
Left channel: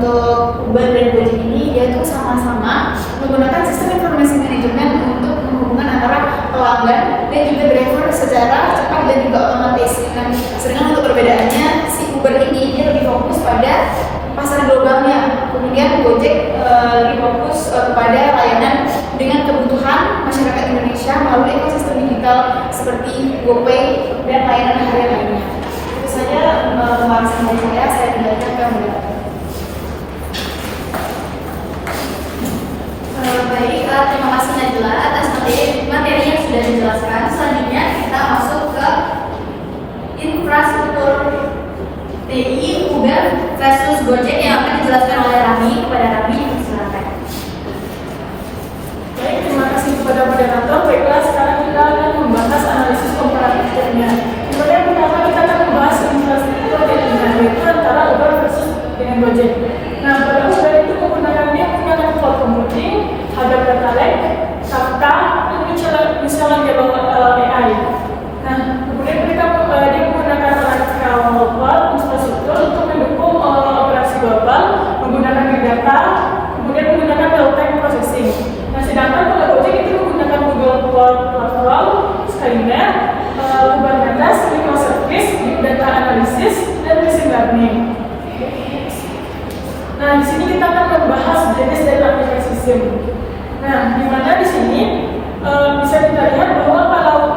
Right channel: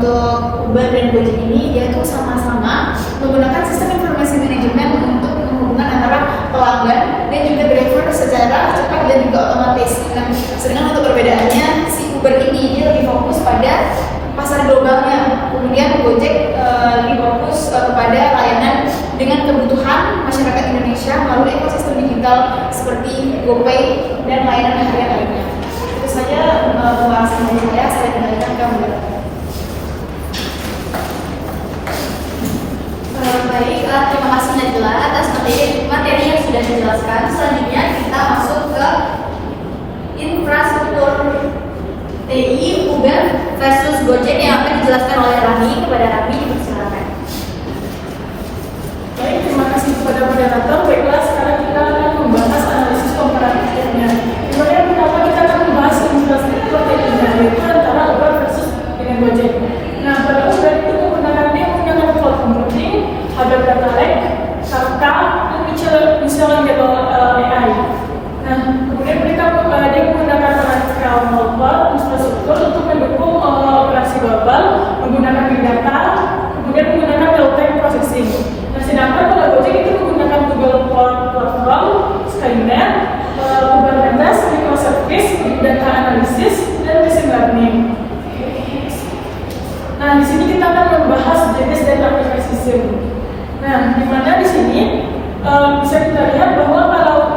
untuk Uber dan Gojek ini dia tuh sama-sama menggunakan sistem informasi manajemen untuk menghubungkan antara pelanggan dan juga driver secara cepat dan juga otomatis. Nah, sedangkan untuk perbedaannya si Uber ini dia lebih fokus pada pasar globalnya, kemudian Gojek lebih fokus kepada layanan dengan kebutuhan masyarakat Indonesia melalui ekosistem digital seperti GoPay dan layanan harian lainnya. Itu saja pembahasan dari saya kembalikan ke Mbak. Baik, terima kasih Najla atas materi yang sudah dijelaskan. Selanjutnya kita masuk ke infrastruktur TI Uber versus Gojek yang akan dijelaskan oleh Rani. Kepada Rani, silakan. Baik, terima kasih kepada moderator. Baiklah, sekarang kita akan membahas analisis komparatifnya. Dimana yang pertama kita akan membahas infrastruktur TI-nya, yaitu antara Uber versus dengan Gojek. Nah, pada Uber itu kebenarannya punya cloud computing, ada data lake, Kafka, dan misalnya AI. Nah, kemudian dia menggunakan cloud infrastruktur untuk mendukung operasi global, menggunakan big data, kemudian menggunakan real-time processing. Nah, sedangkan kalau Gojek itu menggunakan Google Cloud Platform, Skynet, Kubernetes, microservice, big data analysis, dan machine learning. Nah, di sini kita akan membahas jenis data aplikasi SIM. Nah, di mana di sini bisa kita lihat bahwa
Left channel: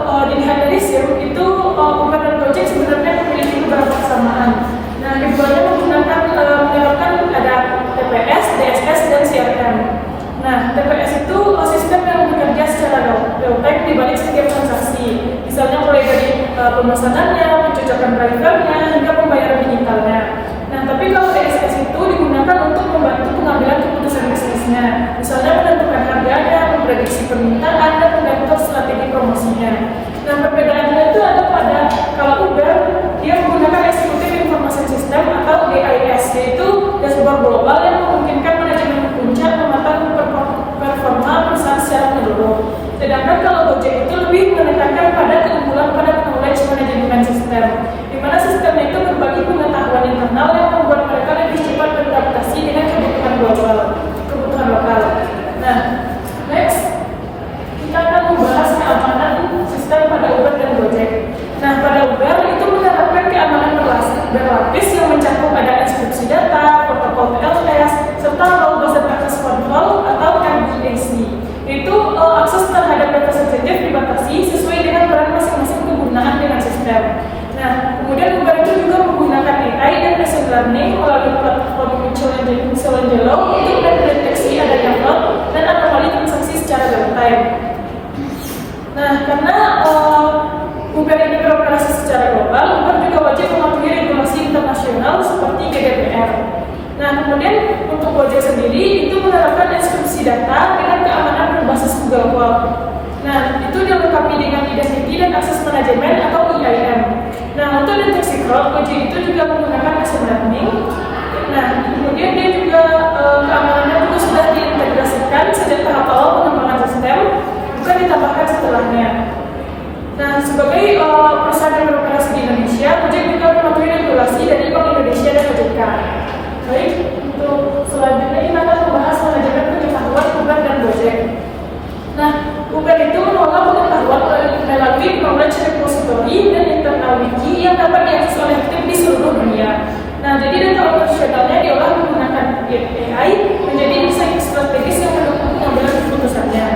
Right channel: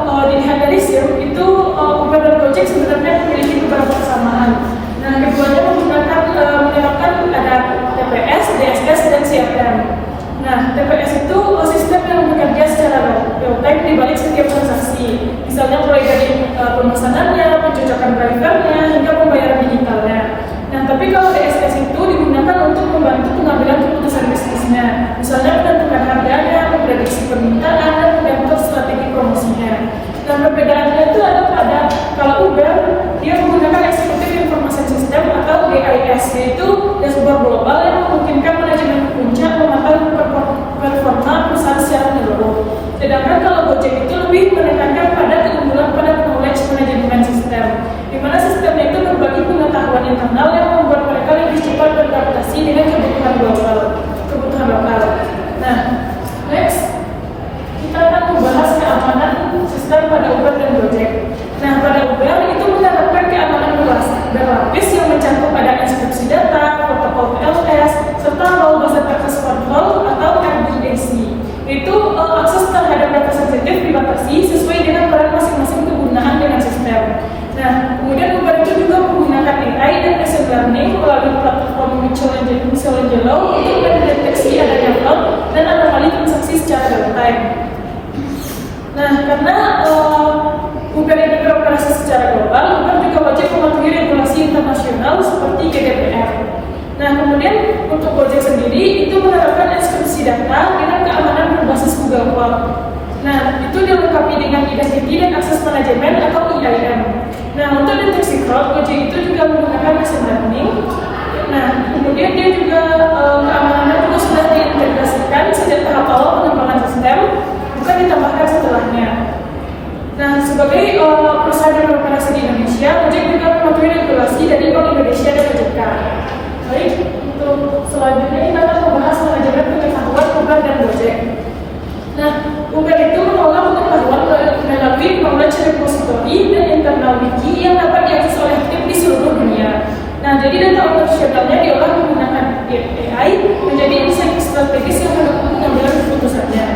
kalau dilihat dari SIM itu Uber dan Gojek sebenarnya memiliki beberapa kesamaan. Nah, keduanya menggunakan menerapkan ada TPS, DSS, dan CRM. Nah, TPS itu sistem yang bekerja secara real-time di balik setiap transaksi. Misalnya mulai dari pemesanannya, pencocokan drivernya, hingga pembayaran digitalnya. Nah, tapi kalau DSS itu digunakan untuk membantu pengambilan keputusan bisnisnya, misalnya menentukan harganya, memprediksi permintaan, dan mengatur strategi promosinya. Nah, perbedaannya itu ada pada kalau Uber dia menggunakan Executive Information System atau GIS, yaitu dashboard global yang memungkinkan manajemen puncak memantau performa perusahaan secara menyeluruh. Sedangkan kalau Gojek itu lebih menekankan pada keunggulan pada knowledge management system, di mana sistemnya itu berbagi pengetahuan internal yang membuat mereka lebih cepat beradaptasi dengan kebutuhan lokal. Nah, next kita akan membahas keamanan sistem pada Uber dan Gojek. Nah, pada Uber itu menerapkan keamanan berlapis yang mencakup ada enkripsi data, protokol TLS, serta robust access control atau RBAC. Itu akses terhadap data sensitif dibatasi sesuai dengan peran masing-masing penggunaan dengan sistem. Nah, kemudian Uber itu juga menggunakan AI dan machine learning melalui platform Michelangelo untuk mendeteksi adanya fraud dan anomali transaksi secara real time. Nah, karena Uber ini beroperasi secara global, Uber juga wajib mematuhi regulasi internasional seperti GDPR. Nah, kemudian untuk Gojek sendiri itu menerapkan enkripsi data dengan keamanan berbasis Google Cloud. Nah, itu dilengkapi dengan identity dan akses manajemen atau EIM. Nah, untuk deteksi fraud, Gojek itu juga menggunakan machine learning. Nah, kemudian dia juga keamanannya itu sudah diintegrasikan sejak tahap awal pengembangan sistem, bukan ditambahkan setelahnya. Nah, sebagai perusahaan yang beroperasi di Indonesia, Gojek juga mematuhi regulasi dari Bank Indonesia dan OJK. Baik, untuk selanjutnya kita akan membahas manajemen pengetahuan Uber dan Gojek. Nah, Uber itu mengelola pengetahuan melalui knowledge repository dan internal wiki yang dapat diakses oleh tim di seluruh dunia. Nah, jadi data operasionalnya diolah menggunakan AI menjadi insight strategis yang mendukung pengambilan keputusannya.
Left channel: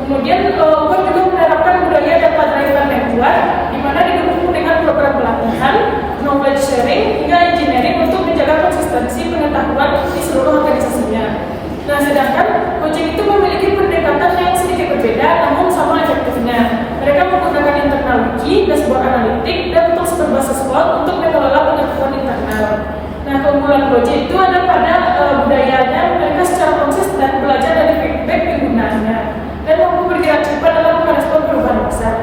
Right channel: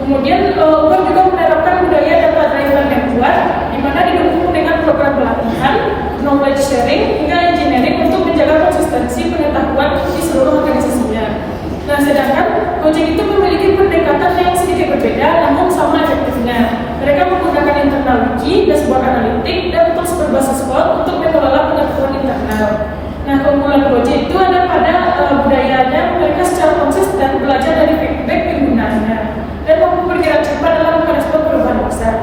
Kemudian Uber juga menerapkan budaya data driven network, di mana didukung dengan program pelatihan, knowledge sharing, hingga engineering untuk menjaga konsistensi pengetahuan di seluruh organisasinya. Nah, sedangkan Gojek itu memiliki pendekatan yang sedikit berbeda, namun sama efektifnya. Mereka menggunakan internal wiki, dashboard analitik, dan tools berbasis cloud untuk mengelola pengetahuan internal. Nah, keunggulan Gojek itu ada pada budayanya, mereka secara konsisten belajar dari feedback penggunaannya dan mampu bergerak cepat dalam merespon perubahan besar.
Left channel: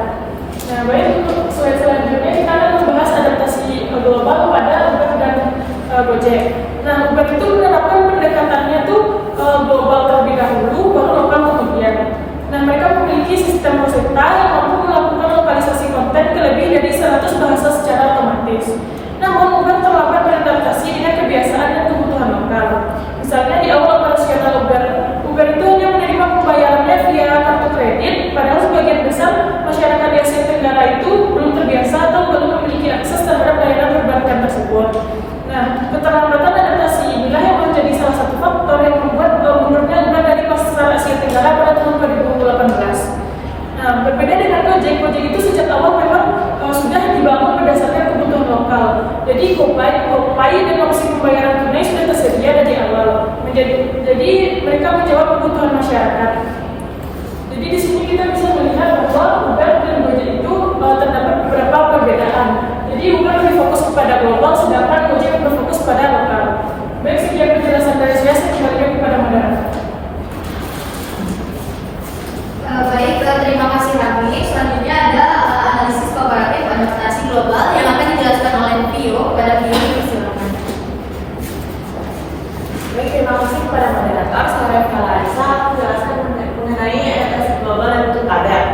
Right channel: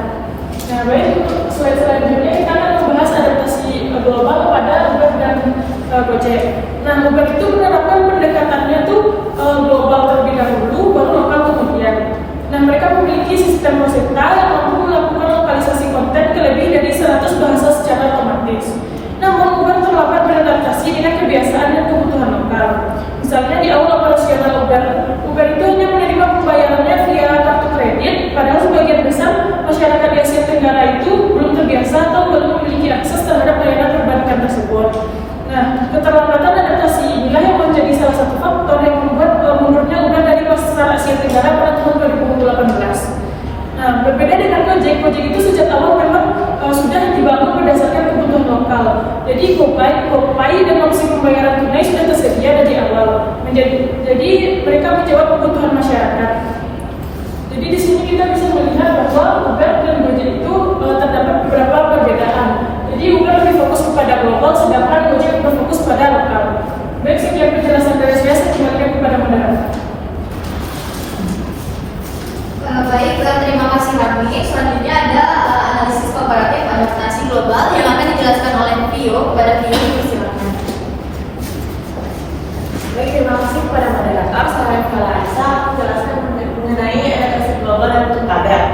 Nah, baik, untuk slide selanjutnya kita akan membahas adaptasi global pada Uber dan Gojek. Nah, Uber itu menerapkan pendekatannya itu global terlebih dahulu, baru lokal kemudian. Nah, mereka memiliki sistem Rosetta yang mampu melakukan lokalisasi konten ke lebih dari 100 bahasa secara otomatis. Namun, Uber terlambat beradaptasi dengan kebiasaan dan kebutuhan lokal. Misalnya di awal operasional Uber itu hanya menerima pembayarannya via kartu kredit, padahal masyarakat di Asia Tenggara itu belum terbiasa atau belum memiliki akses terhadap layanan perbankan tersebut. Nah, keterlambatan adaptasi inilah yang menjadi salah satu faktor yang membuat mundurnya Uber dari pasar Asia Tenggara pada tahun 2018. Nah, berbeda dengan Gojek itu sejak awal memang sudah dibangun berdasarkan kebutuhan lokal. Jadi GoPay dan opsi pembayaran tunai sudah tersedia dari awal. Jadi mereka menjawab kebutuhan masyarakat. Jadi di sini kita bisa melihat bahwa Uber dan Gojek itu terdapat beberapa perbedaan. Jadi Uber lebih fokus kepada global, sedangkan Gojek berfokus pada lokal. Baik, sekian penjelasan dari saya kembalikan kepada moderator. Baik, terima kasih Rani. Selanjutnya ada analisis komparatif adaptasi global yang akan dijelaskan oleh Vio. Kepada Vio, silakan. Baik, terima kasih kepada moderator. Saya Clarissa menjelaskan mengenai adaptasi global dan bentuk padat.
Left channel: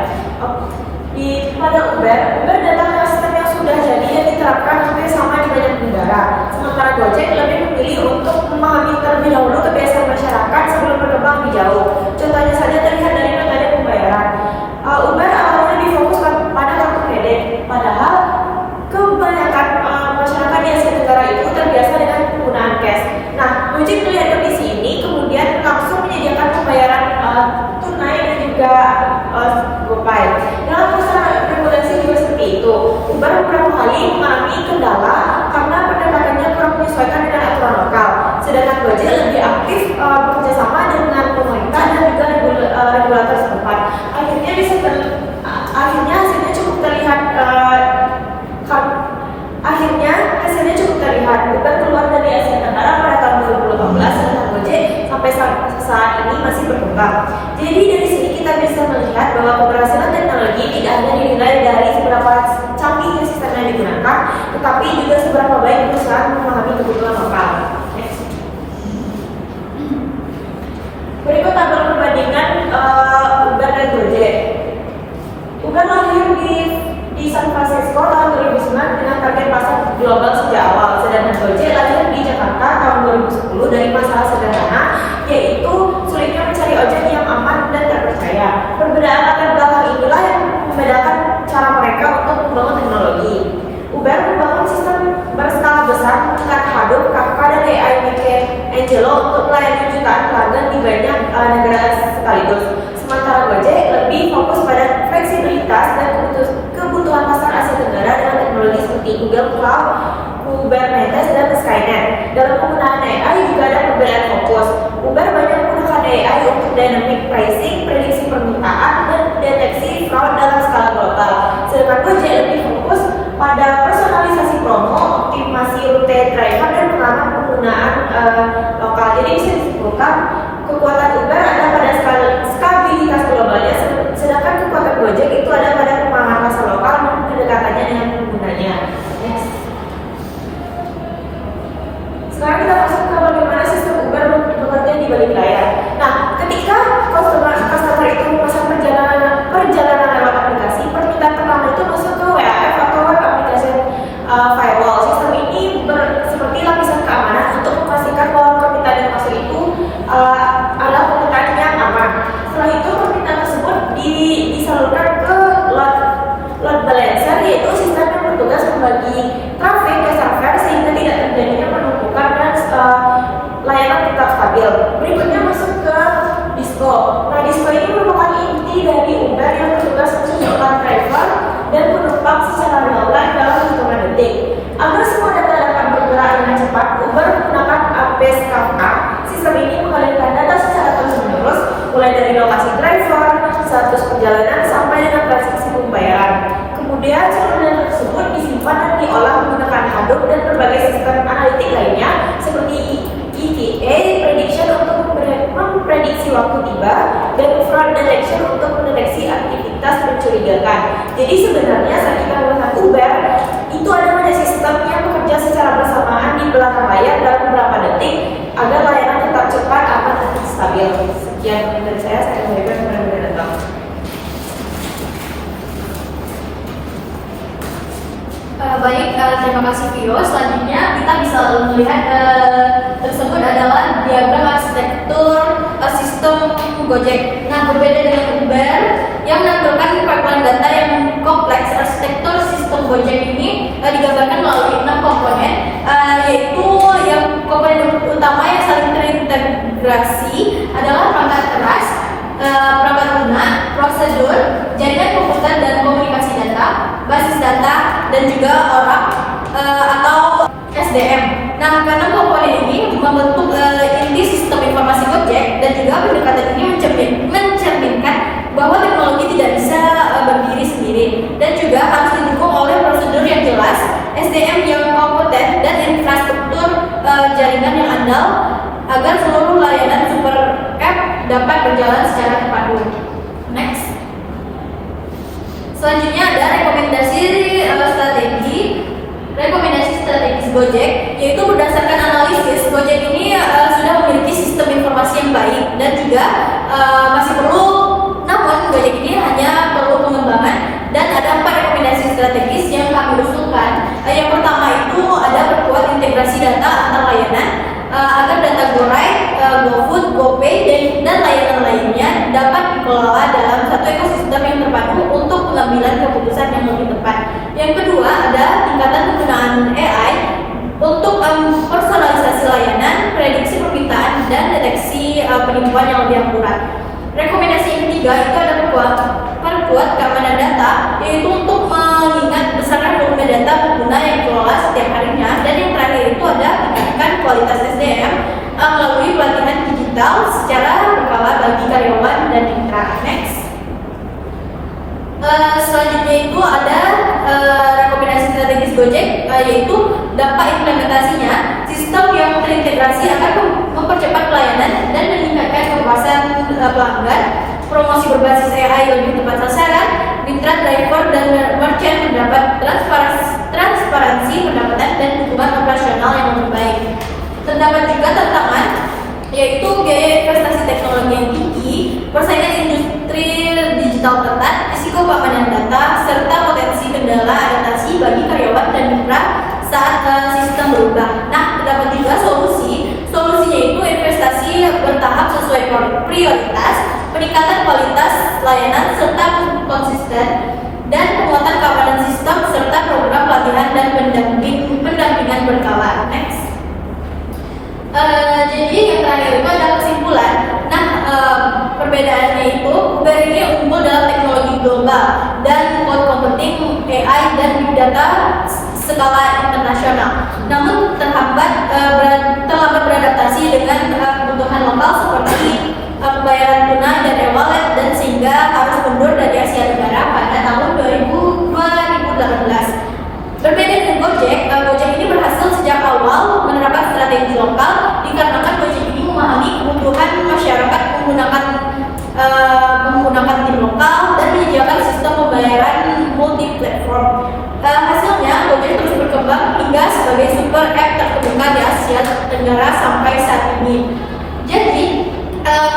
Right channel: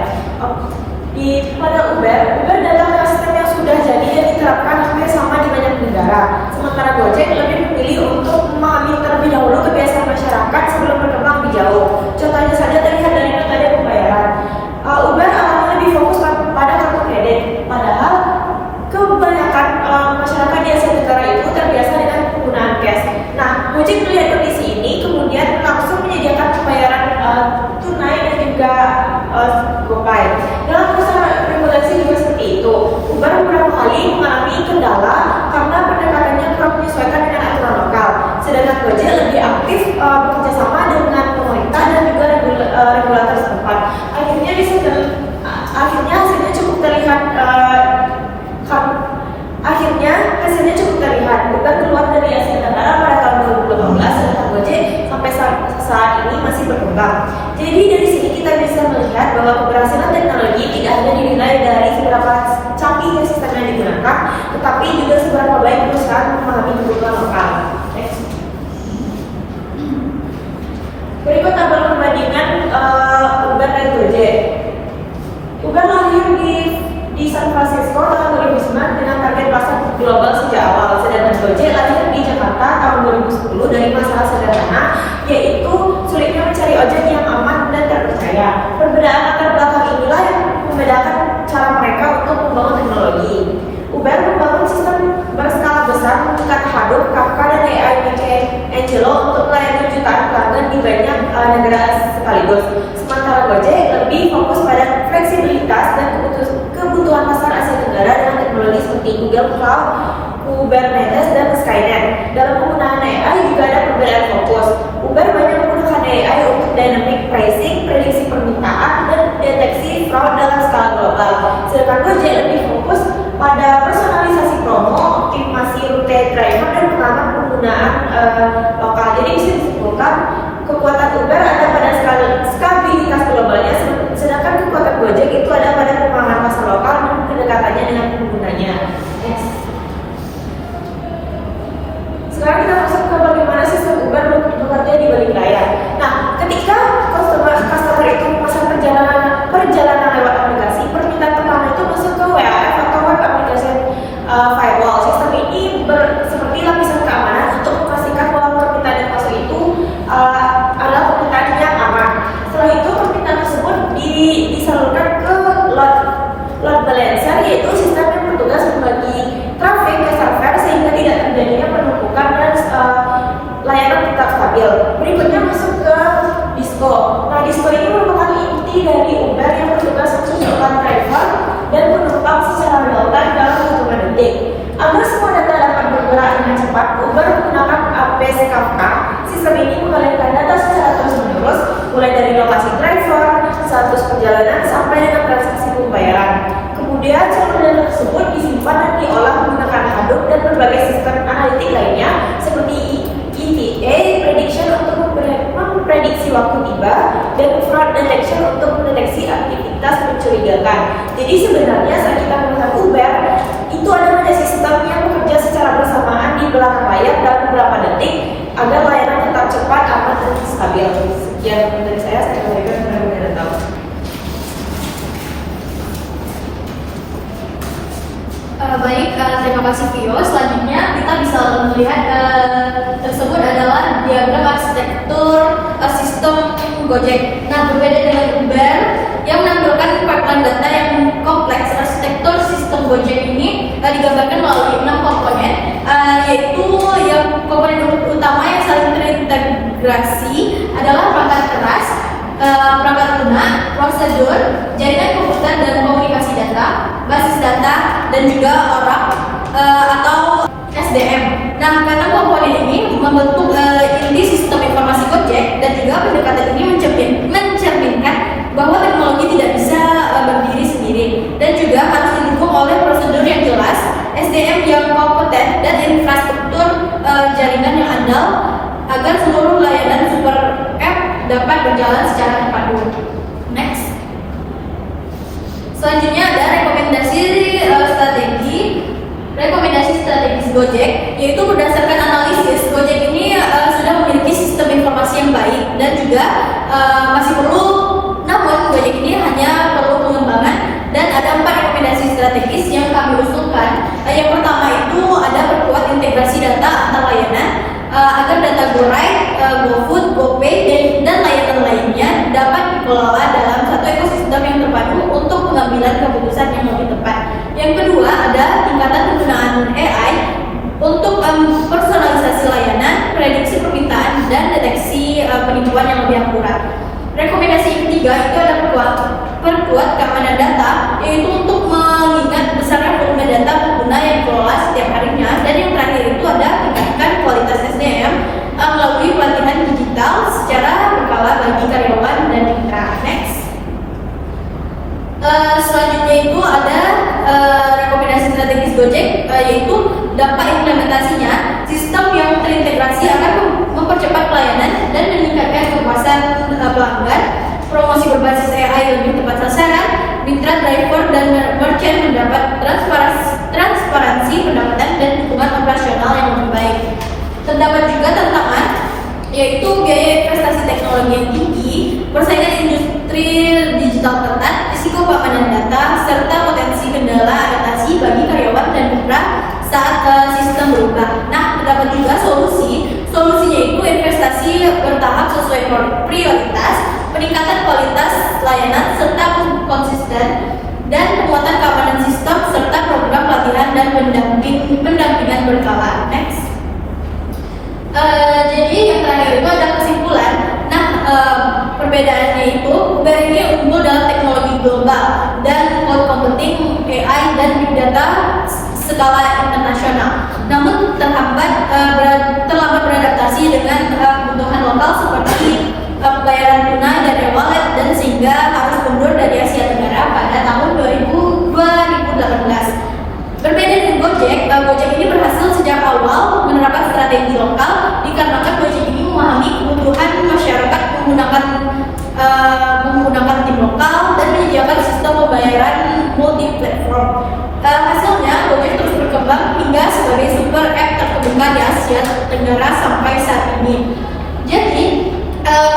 Pada Uber adalah sistem yang sudah jadi dan diterapkan hampir sama di banyak negara. Sementara Gojek lebih memilih untuk memahami terlebih dahulu kebiasaan masyarakat sebelum berkembang lebih jauh. Contohnya saja terlihat dari metode pembayaran. Uber awalnya difokus pada kartu kredit, padahal kebanyakan masyarakat di Asia Tenggara itu terbiasa dengan penggunaan cash. Nah, Gojek melihat kondisi ini, kemudian langsung menyediakan pembayaran tunai dan juga GoPay. Dalam masalah regulasi juga seperti itu. Uber beberapa kali mengalami kendala karena pendekatannya kurang menyesuaikan dengan aturan lokal. Sedangkan Gojek lebih aktif bekerja sama dengan pemerintah dan juga regulator setempat. Akhirnya hasilnya cukup terlihat. Uber keluar dari Asia Tenggara pada tahun 2018 dan Gojek sampai saat ini masih berkembang. Jadi dari sini kita bisa melihat bahwa keberhasilan teknologi tidak hanya dinilai dari seberapa canggihnya sistem yang digunakan, tetapi juga seberapa baik perusahaan memahami kebutuhan lokal. Next. Berikut tabel perbandingan Uber dan Gojek. Uber lahir di San Francisco tahun 2009 dengan target pasar global sejak awal, sedangkan Gojek lahir di Jakarta tahun 2010 dari masalah sederhana, yaitu sulitnya mencari ojek yang aman dan terpercaya. Perbedaan latar belakang inilah yang membedakan cara mereka untuk membangun teknologi. Uber membangun sistem berskala besar menggunakan Hadoop, Kafka, dan AI Angelo untuk melayani jutaan pelanggan di banyak negara sekaligus. Sementara Gojek lebih fokus pada fleksibilitas dan kebutuhan pasar Asia Tenggara dengan teknologi seperti Google Cloud, Kubernetes, dan Skynet. Dalam penggunaan AI juga ada perbedaan fokus. Uber banyak menggunakan AI untuk dynamic pricing, prediksi permintaan, dan deteksi fraud dalam skala global. Sedangkan Gojek lebih fokus pada personalisasi promo, optimasi rute driver, dan penerapan penggunaan lokal. Jadi bisa disimpulkan kekuatan Uber ada pada stabilitas globalnya, sedangkan kekuatan Gojek itu ada pada pemahaman pasar lokal dan kedekatannya dengan penggunanya. Next. Sekarang kita masuk ke bagaimana sistem Uber bekerja di balik layar. Nah, ketika customer itu memesan perjalanan lewat aplikasi, permintaan pertama itu masuk ke WAF atau web application firewall. Sistem ini seperti lapisan keamanan untuk memastikan bahwa permintaan yang masuk itu adalah permintaan yang aman. Setelah itu permintaan tersebut disalurkan ke load balancer, yaitu sistem yang bertugas membagi traffic ke server sehingga tidak terjadinya penumpukan dan layanan tetap stabil. Berikutnya masuk ke Disco. Nah, Disco ini merupakan inti dari Uber yang bertugas menentukan driver dan penumpang secara real time dalam hitungan detik. Agar semua data dapat bergerak dengan cepat, Uber menggunakan APS Kafka. Sistem ini mengalirkan data secara terus-menerus, mulai dari lokasi driver, status perjalanan, sampai dengan transaksi pembayaran. Kemudian seluruh data tersebut disimpan dan diolah menggunakan Hadoop dan berbagai sistem analitik lainnya seperti ETA, prediction untuk memprediksi waktu tiba, dan fraud detection untuk mendeteksi aktivitas mencurigakan. Jadi sebenarnya saat kita melihat Uber, itu adalah sistem yang bekerja secara bersamaan di belakang layar dalam beberapa detik agar layanan tetap cepat, aman, dan stabil. Sekian dari saya kembalikan kepada moderator. Baik, terima kasih Vio. Selanjutnya kita bisa melihat tersebut adalah diagram arsitektur sistem Gojek. Nah, berbeda dengan Uber yang menampilkan perpatuan data yang kompleks. Arsitektur sistem Gojek ini digambarkan melalui 6 komponen, yaitu yang komponen utama yang saling terintegrasi adalah perangkat keras, perangkat lunak, prosedur, jaringan komputer dan komunikasi data, basis data, dan juga orang atau SDM. Nah, karena komponen ini membentuk inti sistem informasi Gojek, dan juga pendekatan ini mencerminkan bahwa teknologi tidak bisa berdiri sendiri, dan juga harus didukung oleh prosedur yang jelas, SDM yang kompeten, dan infrastruktur jaringan yang andal agar seluruh layanan super app dapat berjalan secara terpadu. Next. Selanjutnya ada rekomendasi strategis Gojek, yaitu berdasarkan analisis Gojek ini sudah memiliki sistem informasi yang baik dan juga masih perlu, namun Gojek ini hanya perlu pengembangan, dan ada 4 rekomendasi strategis yang kami usulkan. Yang pertama itu ada perkuat integrasi data antar layanan agar data GoRide, GoFood, GoPay, dan layanan lainnya dapat dikelola dalam satu ekosistem yang terpadu untuk pengambilan keputusan yang lebih tepat. Yang kedua ada tingkatan penggunaan AI untuk personalisasi layanan, prediksi permintaan, dan deteksi penipuan yang lebih akurat. Rekomendasi yang ketiga itu ada perkuat keamanan data, yaitu untuk mengingat besarnya volume data pengguna yang dikelola setiap harinya. Dan yang terakhir itu ada tingkatkan kualitas SDM melalui pelatihan digital secara berkala bagi karyawan dan mitra. Next. Selanjutnya itu ada rekomendasi strategis Gojek, yaitu dampak implementasinya. Sistem yang terintegrasi akan mempercepat pelayanan dan meningkatkan kepuasan pelanggan. Promosi berbasis AI lebih tepat sasaran, mitra driver dan merchant mendapat transparansi pendapatan dan dukungan operasional yang lebih baik. Terdapat juga tantangan, yaitu biaya investasi teknologi yang tinggi, persaingan industri digital ketat, risiko keamanan data, serta potensi kendala adaptasi bagi karyawan dan mitra saat sistem berubah. Nah, terdapat juga solusinya itu investasi bertahap sesuai prioritas, peningkatan kualitas layanan serta konsisten, dan penguatan keamanan sistem serta program pelatihan dan pendampingan berkala. Next. Jadi yang terakhir itu ada kesimpulan. Nah, perbedaannya itu Uber ini unggul dalam teknologi global dan cloud computing, AI, dan big data skala internasional. Namun terlambat beradaptasi dengan kebutuhan lokal seperti pembayaran tunai dan e-wallet, dan sehingga harus mundur dari Asia Tenggara pada tahun 2018. Berbeda dengan Gojek ini berhasil sejak awal menerapkan strategi lokal dikarenakan Gojek ini memahami kebutuhan masyarakat menggunakan tim lokal dan menyediakan sistem pembayaran multi-platform. Hasilnya Gojek terus berkembang hingga sebagai super app terkemuka di Asia Tenggara sampai saat ini. Jadi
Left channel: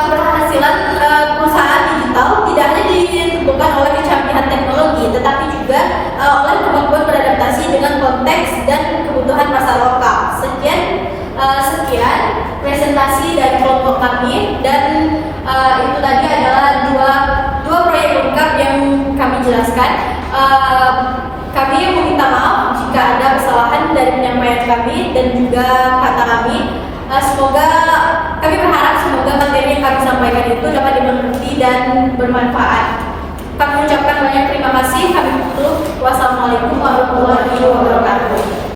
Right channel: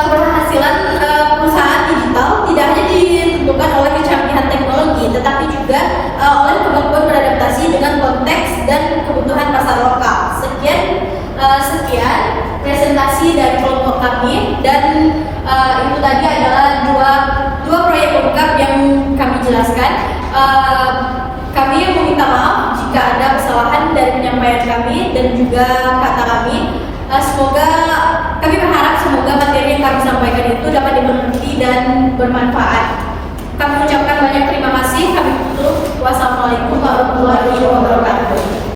keberhasilan perusahaan digital tidak hanya ditentukan oleh kecanggihan teknologi, tetapi juga oleh kemampuan beradaptasi dengan konteks dan kebutuhan pasar lokal. Sekian presentasi dari kelompok kami, dan itu tadi adalah dua proyek lengkap yang kami jelaskan. Kami meminta maaf jika ada kesalahan dari penyampaian kami dan juga kata kami. Kami berharap semoga materi yang kami sampaikan itu dapat dimengerti dan bermanfaat. Kami ucapkan banyak terima kasih. Wassalamualaikum warahmatullahi wabarakatuh.